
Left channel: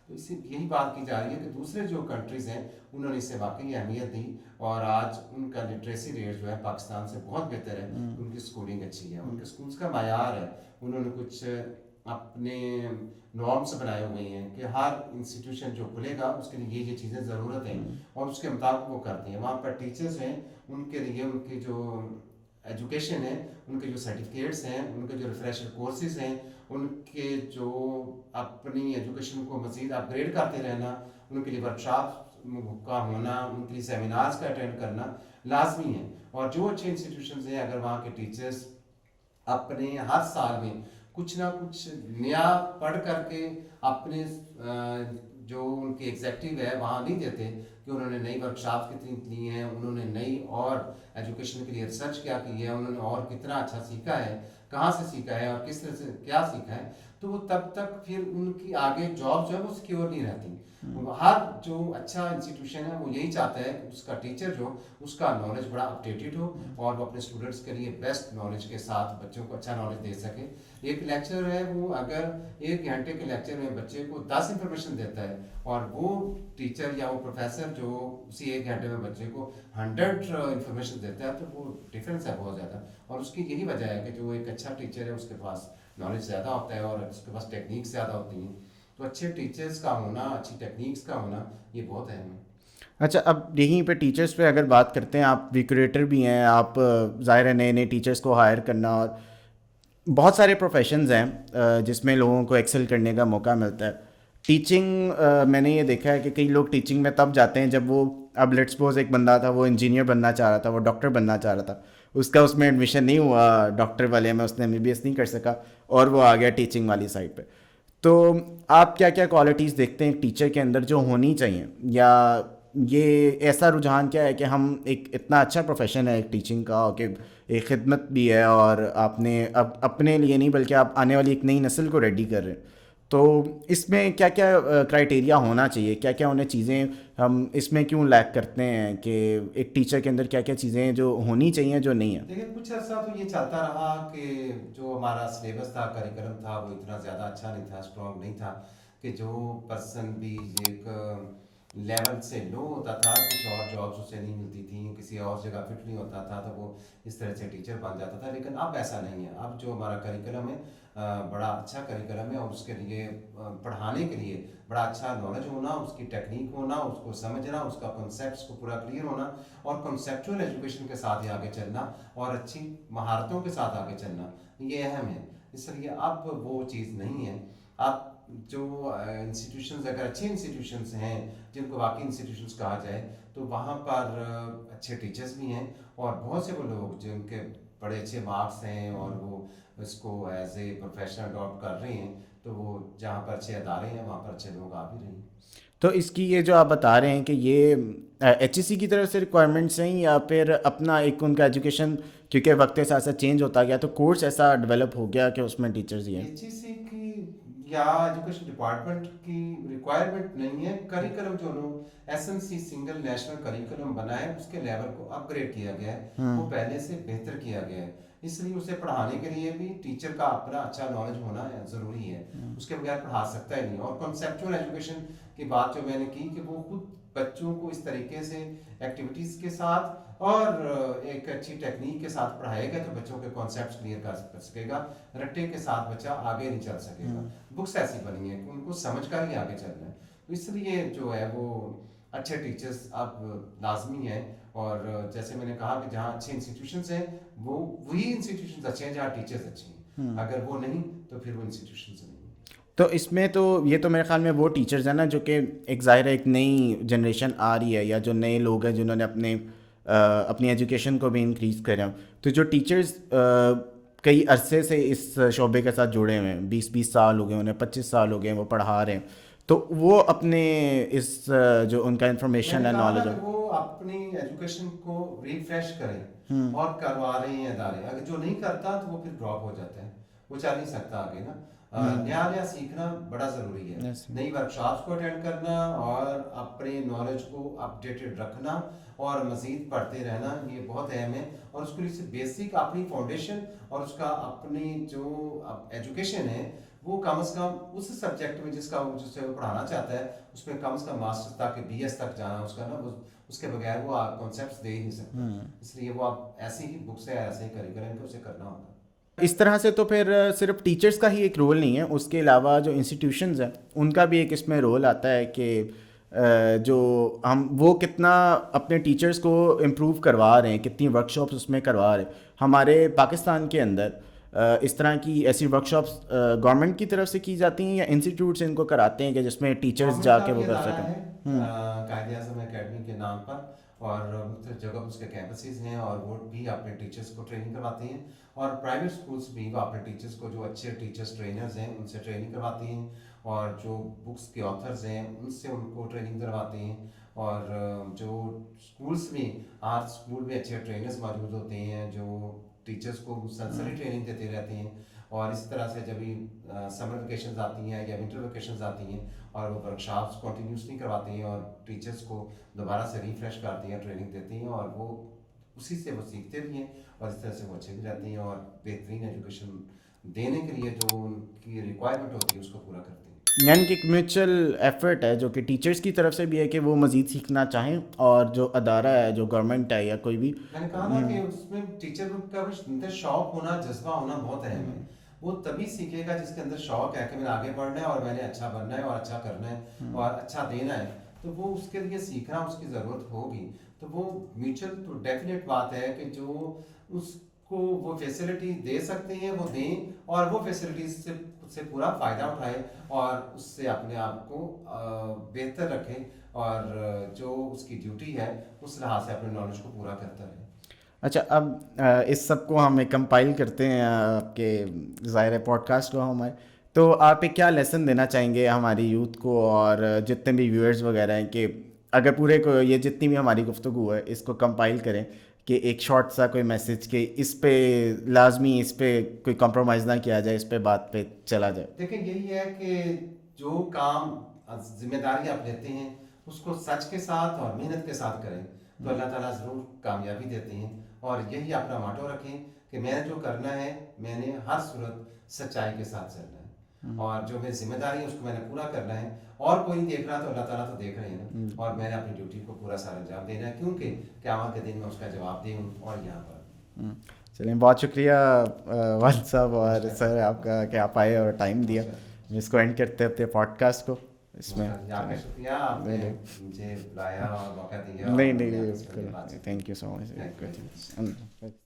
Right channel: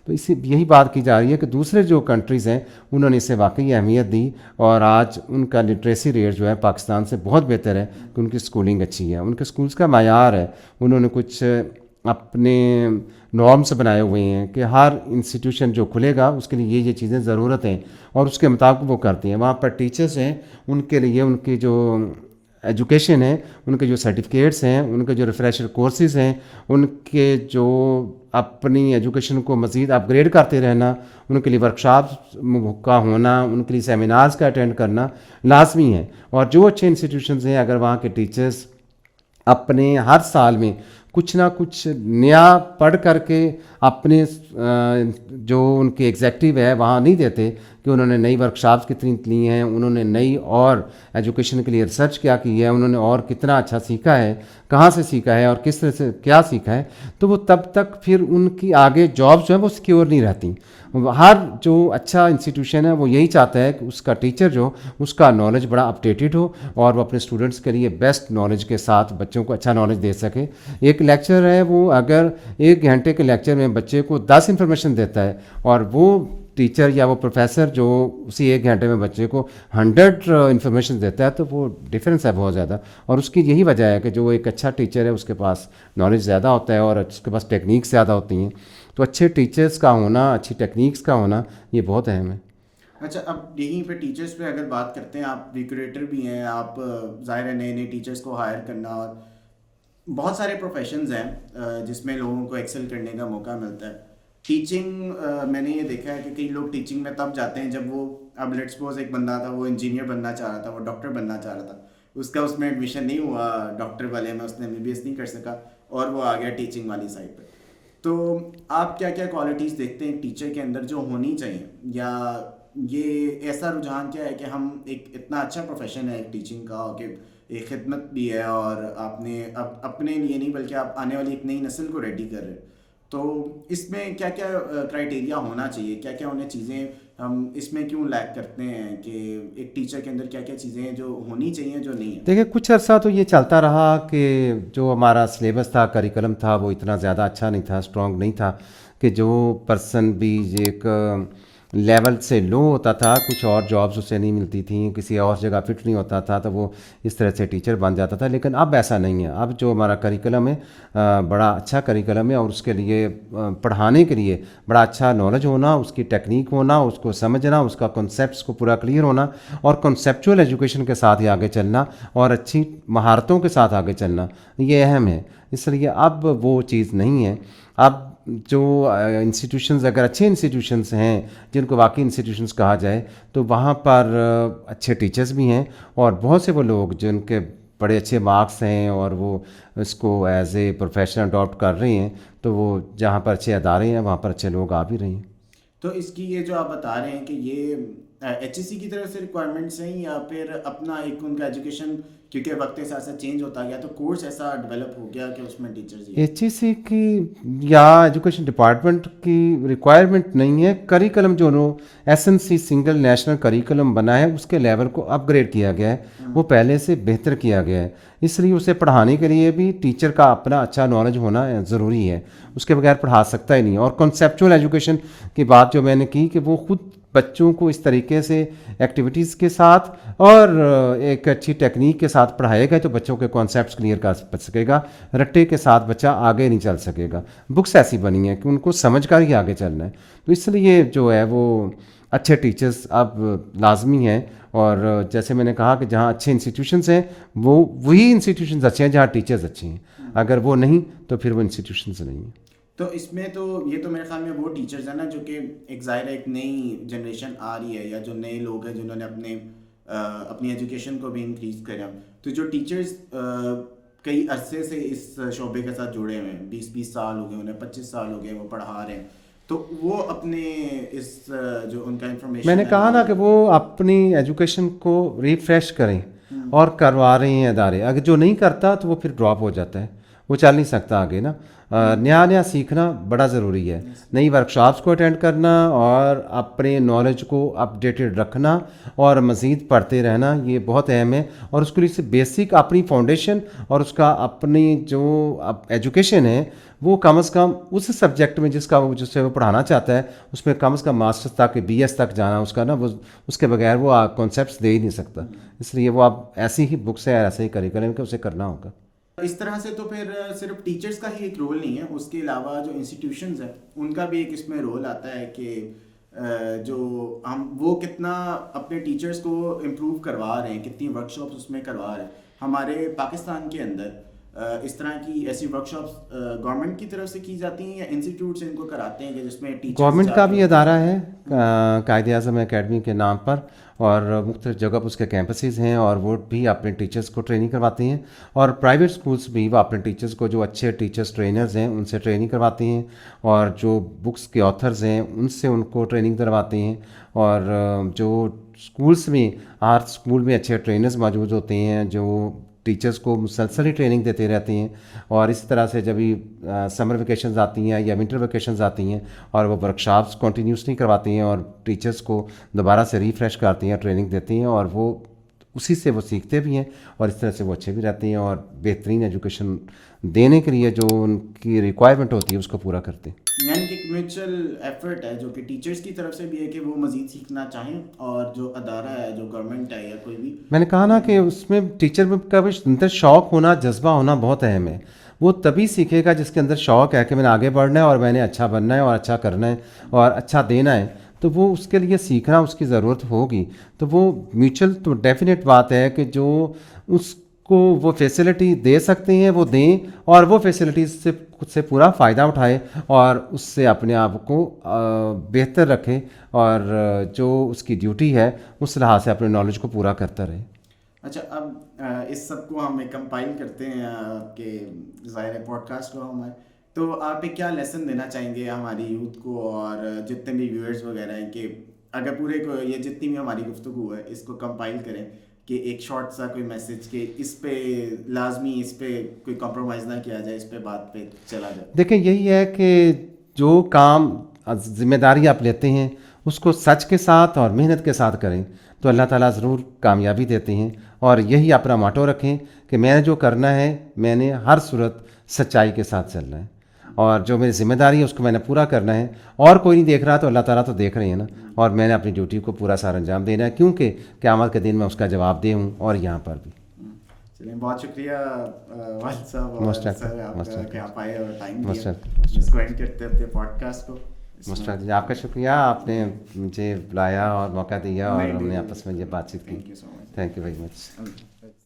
تو اسی یہی بات کی جا رہی ہے کہ دوسرے جو کنٹریز ہیں انہوں نے اسے واقعی اہمیت دی, اور آج ان کا لٹریسی ریٹ جو ہے پاکستان سے بہت بہتر ہے کہ ان کی اسکولنگ اچھی ہے, ان کے اسکولس کا معیار ہے. انہوں نے کچھ اپنے نارمس بنائے ہوئے ہیں کہ ہر انسٹیٹیوشن جو کھلے گا اس کے لیے یہ چیزیں ضرورت ہیں اور اس کے مطابق وہ کرتے ہیں. وہاں پر ٹیچرس ہیں, ان کے لیے ان کی جو ایجوکیشن ہے, ان کے جو سرٹیفکیٹس ہیں, ان کے جو ریفریشر کورسز ہیں, ان کے جو اپنی ایجوکیشن کو مزید اپ گریڈ کرتے رہنا, ان کے لیے ورکشاپس کا ہونا, ان کے لیے سیمینارز کا اٹینڈ کرنا لازمی ہے. اور جو اچھے انسٹیٹیوشنز ہیں, اگر وہاں کے ٹیچرز اپنے ہر سال میں کچھ نہ کچھ نیا پڑھ کر کے اپنے جو ان کے ایگزیکٹو ہے وہاں نہیں دیتے کہ انہوں نے نئی ورکشاپس کتنی لی ہیں, انہوں نے نئی اور ایجوکیشن کے لیے ریسرچ کیا کی ہے, انہوں نے اور کتنا اچھا سیکھا ہے, کہاں سے سیکھا ہے اور کس طرح سے کیا سیکھا ہے, تو وہ تب تک پھر ان کی آگے جابس جو ہیں وہ سیکیور نہیں رہتی. ہر جو اچھا انسٹیٹیوشن ہے وہ یہی چاہتا ہے کہ اس کا ٹیچر جو اس کا نالج بڑا اپڈیٹڈ ہو اور وہ اپنے اسٹوڈنٹس کے لیے بیسٹ نالج کے ساتھ بچوں کو اچھا نالج دے سکے. ایک لیکچر ہے وہ اگر 1 گھنٹے کے لیکچر میں بچے کو 10 انفارمیشن دیتا ہے اور وہ ٹیچر یا وہ پروفیسر جو اسی 1 گھنٹے میں بچے کو 100 انفارمیشن دیتا ہے, تو وہ ڈفرینس ہے بہت زیادہ. اور اس کی یہی وجہ ہے کہ جو ایک اچھا ٹیچر ہے اس کے پاس نالج زیادہ ہوتا ہے اور اس کے پاس ٹیکنیکس زیادہ ہوتی ہیں. تو اچھے ٹیچرز کا ہونا, اچھی ٹیکنیکس کا ہونا یہ بہت اہم ہے. اچھا, اب یہیں پہ ٹیچرس پہ اگر بات کرتے ہیں, آپ ریکریٹر بھی ہیں, آپ ظاہر ہے نئے نئے ٹیچرس کو ہائر کرنا, اور بہت سارے پروفیشنز ہیں جس میں لوگوں کو ایکسل کرنے کا موقع ملتا ہے. ٹیچنگ میں نے یہ دیکھا ہے کہ کئی لوگ ٹیچنگ میں تب جاتے ہیں جب وہ, اب لیٹس سپوز ایک بندہ تھا وہ انجینئر بننا چاہ رہا تھا, وہ ڈاکٹر بننا چاہ رہا تھا, اس کا اس میں ایڈمیشن نہیں ہوا ڈاکٹر والے میں, اس نے MBBS نہیں کر سکا اور وہ آ گیا ٹیچنگ والی سائڈ پہ. تو آپ کیا کیا کوالٹیز دیکھتے ہیں ایک ٹیچر کے اندر جو ہونی چاہیے, یا یہ ایسا رجحان کیا ہے کہ ہم ایک اتنا اچھا پروفیشن ہے ایک ٹیچنگ کا کہ ایک خدمت بھی ہے اور آپ نے اب اپنے لیے نہیں بلکہ آپ آنے والی ایک نئی نسل کو ریڈی کر رہے ہیں, تو اس میں کیا کیا کرائٹیریا ہونا چاہیے, کیا کیا انہیں چیزیں ہم اس میں کیوں لیک کرتے ہیں کہ ایک ٹیچر کے اندر کیا کیا چیزیں جو ہونی چاہیے جو نہیں ہیں؟ دیکھیں کچھ عرصہ تو یہ چلتا رہا کہ جو ہمارا سلیبس تھا, کریکلم تھا, وہ اتنا زیادہ اچھا نہیں تھا, اسٹرانگ نہیں تھا, کہ جو پرسن بھی ایک لیول سے لو ہوتا تھا, کچھ اور جابس اسے نہیں ملتی تھیں, کسی اور جگہ فٹ نہیں ہوتا تھا, تو وہ اس طرح سے ٹیچر بن جاتا تھا. لیکن اب ایسا نہیں ہے. اب جو ہمارا کریکلم ہے بڑا اچھا کریکلم ہے, اور اس کے لیے پڑھانے کے لیے بڑا اچھا نالج ہونا, اس کی ٹیکنیک ہونا, اس کو سمجھنا, اس کا کنسیپٹس کو پورا کلیئر ہونا, اور کنسیپچول ایجوکیشن کے ساتھ ہی آگے چلنا, اور اچھی مہارتوں کے ساتھ آگے چلنا, یہ اہم ہے. اس لیے اب وہ چیز نہیں ہے. اب جو انسٹیٹیوشنز اگر اچھے انسٹیٹیوشنز ہیں جن کو واقعی انسٹیٹیوشنز کہا جائے, تو وہاں پر اچھے ٹیچرز بھی ہیں, اور بہت سے وہ لوگ جن کے بڑے اچھے مارکس ہیں اور وہ اس کو ایز اے پروفیشن اڈاپٹ کر رہے ہیں, تو وہ جہاں پر اچھے ادارے ہیں وہاں پر اچھے لوگ آ بھی رہے ہیں. تو اس کی یہ جو آپ بتا رہے ہیں کہ یہ HEC کی طرف سے ریکوائرمنٹس ہیں, یا پھر اپنا ایک ان کا ایجوکیشن کیونکہ وقت کے ساتھ ساتھ چینج ہوتا گیا تو کورس ایسا ڈیولپ ہو گیا کہ اس میں ٹیچرز ہی ہیں؟ HEC کی یا ایجوکیشن ڈپارٹمنٹ کی ریکوائرمنٹ نہیں ہے. کریکلم جو SNC سنگل نیشنل کریکلم بنا ہے اس کے لیول کو اپ گریڈ کیا گیا ہے, وہ پہلے سے بہتر کیا گیا ہے. اس لیے اسے پڑھانے کے لیے بھی ٹیچر کا اپنا اچھا نالج ہونا ضروری ہے, اس کے بغیر پڑھا سکتا ہی نہیں. اور کنسیپچول ایجوکیشن کی بات جو میں نے کی کہ وہ خود بچوں کو اس طریقے سے ایکٹیویٹیز کے ساتھ اور ایک اچھی ٹیکنیک کے ساتھ پڑھائے گا تو بچوں کے کانسیپٹس کلیئر کر سکے گا. رٹے کے ساتھ بچہ آگے نہیں چل سکے گا. بکس ایسی بنی ہیں کہ ان کو سمجھ کر ہی آگے چلنا ہے. تو اس لیے جو ہے وہ اچھے ٹیچرز اب لازمی ہیں, اور جیسے میں نے کہا کہ جہاں اچھے انسٹیٹیوشنز ہیں وہ وہی انسٹیٹیوشنز اچھے ہیں جہاں ٹیچرز اچھے ہیں. اگر وہ نہیں تو پھر وہ انسٹیٹیوشنز نہیں ہیں. تو اس میں تو یہ تو میرے خیال میں وہ ٹیچرز ہیں نا جو کہ ایک ظاہر ایک نئی جنریشن آ رہی ہے, یا جو نئے لوگ ہیں جنہوں نے اپنی ایجوکیشن کو بھی انکریز کرے ہیں. تو جو ٹیچرز کئی عرصے سے اس شعبے کے ساتھ جڑے ہوئے ہیں, 20 سال ہو گئے انہیں, 25 سال ہو گئے وہ پڑھا رہے ہیں, تو وہ اپنے اس جو ان کا انفارمیشن میں نے کہا نا کہ وہ اپنی ایجوکیشن کو ریفریش کریں اور کروا رہے ہیں ادارے. اگر جو نہیں کرتا تو وہ پھر ڈراپ ہو جاتا ہے, وہ چل نہیں سکتا آگے نا. نیا نیا سیکھنا بڑا ضروری ہے, نئی ورکشاپس کو اٹینڈ کرنا اور اپنے نالج کو اپڈیٹڈ رکھنا اور مزید پڑھتے رہنا, یہ بہت اہم ہے. اور اس کے لیے بیسک اپنی فاؤنڈیشن اور اس کا اپنی جو ایجوکیشن ہے وہ کم از کم اس سبجیکٹ میں جس سے وہ پڑھانا چاہتا ہے اس میں کم از کم ماسٹرز تک BS تک جانا اس کا نا, وہ اس کے بغیر وہ کانسیپٹس دے ہی نہیں سکتا. اس لیے وہ اب ایسی ہی بکس ہے, ایسے ہی کریکلم کہ اسے کرنا ہوگا. اس طرح سے تو پھر صرف ٹیچرس کا ہی ایک رول نہیں ہے, اس کے علاوہ جو انسٹیٹیوشنز ہیں ان کا بھی ایک اس میں رول آتا ہے کہ جو وہ کتنا اپنے ٹیچرس کو امپروو کروا رہے ہیں, کتنی ورک شاپس اس میں کروا رہے ہیں. ہمارے پاکستان کے اندر اس طرح کی ایسی ورک شاپس گورنمنٹ کی طرف سے کی جاتی ہیں یا انسٹیٹیوٹس ان کو کراتے ہیں کہ جس میں ٹیچرس گورنمنٹ کا بھی ادارہ ہے قائد اعظم اکیڈمی کے نام پر, اور مختلف جگہ پر اس کے کیمپسز ہیں, اور وہ بھی اپنے ٹیچرز کو ٹریننگ کرواتے ہیں. اور پرائیویٹ اسکولس بھی وہ اپنے ٹیچرز کو, جو اچھے ٹیچرز ٹرینرز ہیں ان سے ٹریننگ کرواتے ہیں, اور جو بکس کے آتھرز ہیں ان سے ان کو ٹریننگ کرواتے ہیں. اور جو اسکولس میں, ہر اسکول میں اچھے ٹرینرز موجود ہوتے ہیں جو ٹیچرز کو مسلسل ہی ٹریننگ دیتے رہتے ہیں. اور اس طرح سے جب بھی سمر ویکیشنز آتی ہیں یا ونٹر ویکیشنز آتی ہیں, اور وہ ورک شاپس کنٹینیوسلی کرواتے ہیں اور ٹیچرز کو دوبارہ سے ریفریش کرتے ہیں, ٹریننگ دیتے ہیں, اور وہ اسی سے وہ سیکھتے بھی ہیں, اور اس طرح سے وہ اچھے بھی رہتے ہیں, اور بہترین ایجوکیشن دینے کے لیے جو ان کی ریکوائرمنٹ ہوتی ہے اس کو پورا کرتے ہیں. یعنی کہ ایک میوچل ایفرٹ ہے جو کہ ٹیچرس کی طرف سے بھی ہے کہ وہ مزید سیکھنا چاہیں, اور جو ادارہ ہے, جو گورنمنٹ ہے یا کوئی بھی, میں نے کہا نا کہ اس میں ٹیچر کا بھی اندر شوق ہونا, جذبہ ہونا بہت اہم ہے. وہ تبھی سیکھے گا جس کے اندر شوق ہے کہ میں نے آگے بڑھنا ہے اور میں نے اچھا بننا ہے اور اچھا کرنا ہے اور اچھا دینا ہے, تو وہ اس کے لیے سیکھنا اس کی ضرورت ہوگی. تو وہ میوچل تو ڈیفینیٹ بات ہے کہ جو اس کو وہ فیسلٹی دے سکتے ہیں وہ دیں, اور وہ فیسلٹیز سے خود سے پورا فائدہ اٹھائے اور اس سے اپنے آپ کو بہتر رکھے, اور جو اس کی ڈیوٹی ہے اس لحاظ سے اپنے نالج کو پورا کرتا رہے. اچھا, اب اس سب کو ہم کمپائل کرتے ہیں آپ کے ظاہر پوڈ کاسٹ کو ہمارے, تو آپ ایک کیا لیسن دینا چاہیں گے ہماری یوتھ کو اور جتنے بھی ویورز وغیرہ ہیں, کہ اگر پورے کو یہ جتنی بھی ہماری گفتگو ہے اس کو کمپائل کریں کہ ایک شارٹ سا کوئی میسج کہ اس پہ لازمی, اس پہ کوئی کمپرومائز نہ کیا جائے, اس پہ بات پہ چلا جائے. دیکھیں یہی ہے کہ جو کام ذمہ داری آپ لیتے ہیں اس کو سچ کے ساتھ اور محنت کے ساتھ کریں تو اللہ تعالیٰ ضرور کامیابی دیتے ہیں. اور یہی اپنا ماٹو رکھیں کہ میں نے جو کرنا ہے میں نے ہر صورت سچائی کے ساتھ چلنا ہے, اور جو میری ذمہ داری ہے اس کو میں نے پورا کرنا ہے, اور کوئی نہیں دیکھ رہا تو اللہ تعالیٰ تو دیکھ رہے ہیں نا, اور میں نے اپنی ڈیوٹی کو پورا سارا انجام دینا ہے, کیونکہ قیامت کے دن میں اس کا جواب دے ہوں, اور یہاں پر بھی. چلیں, بہت شکریہ والد صاحب اور سر آپ کا کہ آپ آئے اور ٹائم دیا. جس کو اینڈ کرتے اپنے پوڈ کاسٹ کو. آپ کا شکریہ, آپ نے مجھے بلایا اور موقع دیا اور ہم نے آپس میں یہ بات چیت. Thank you so much. Thank you very much.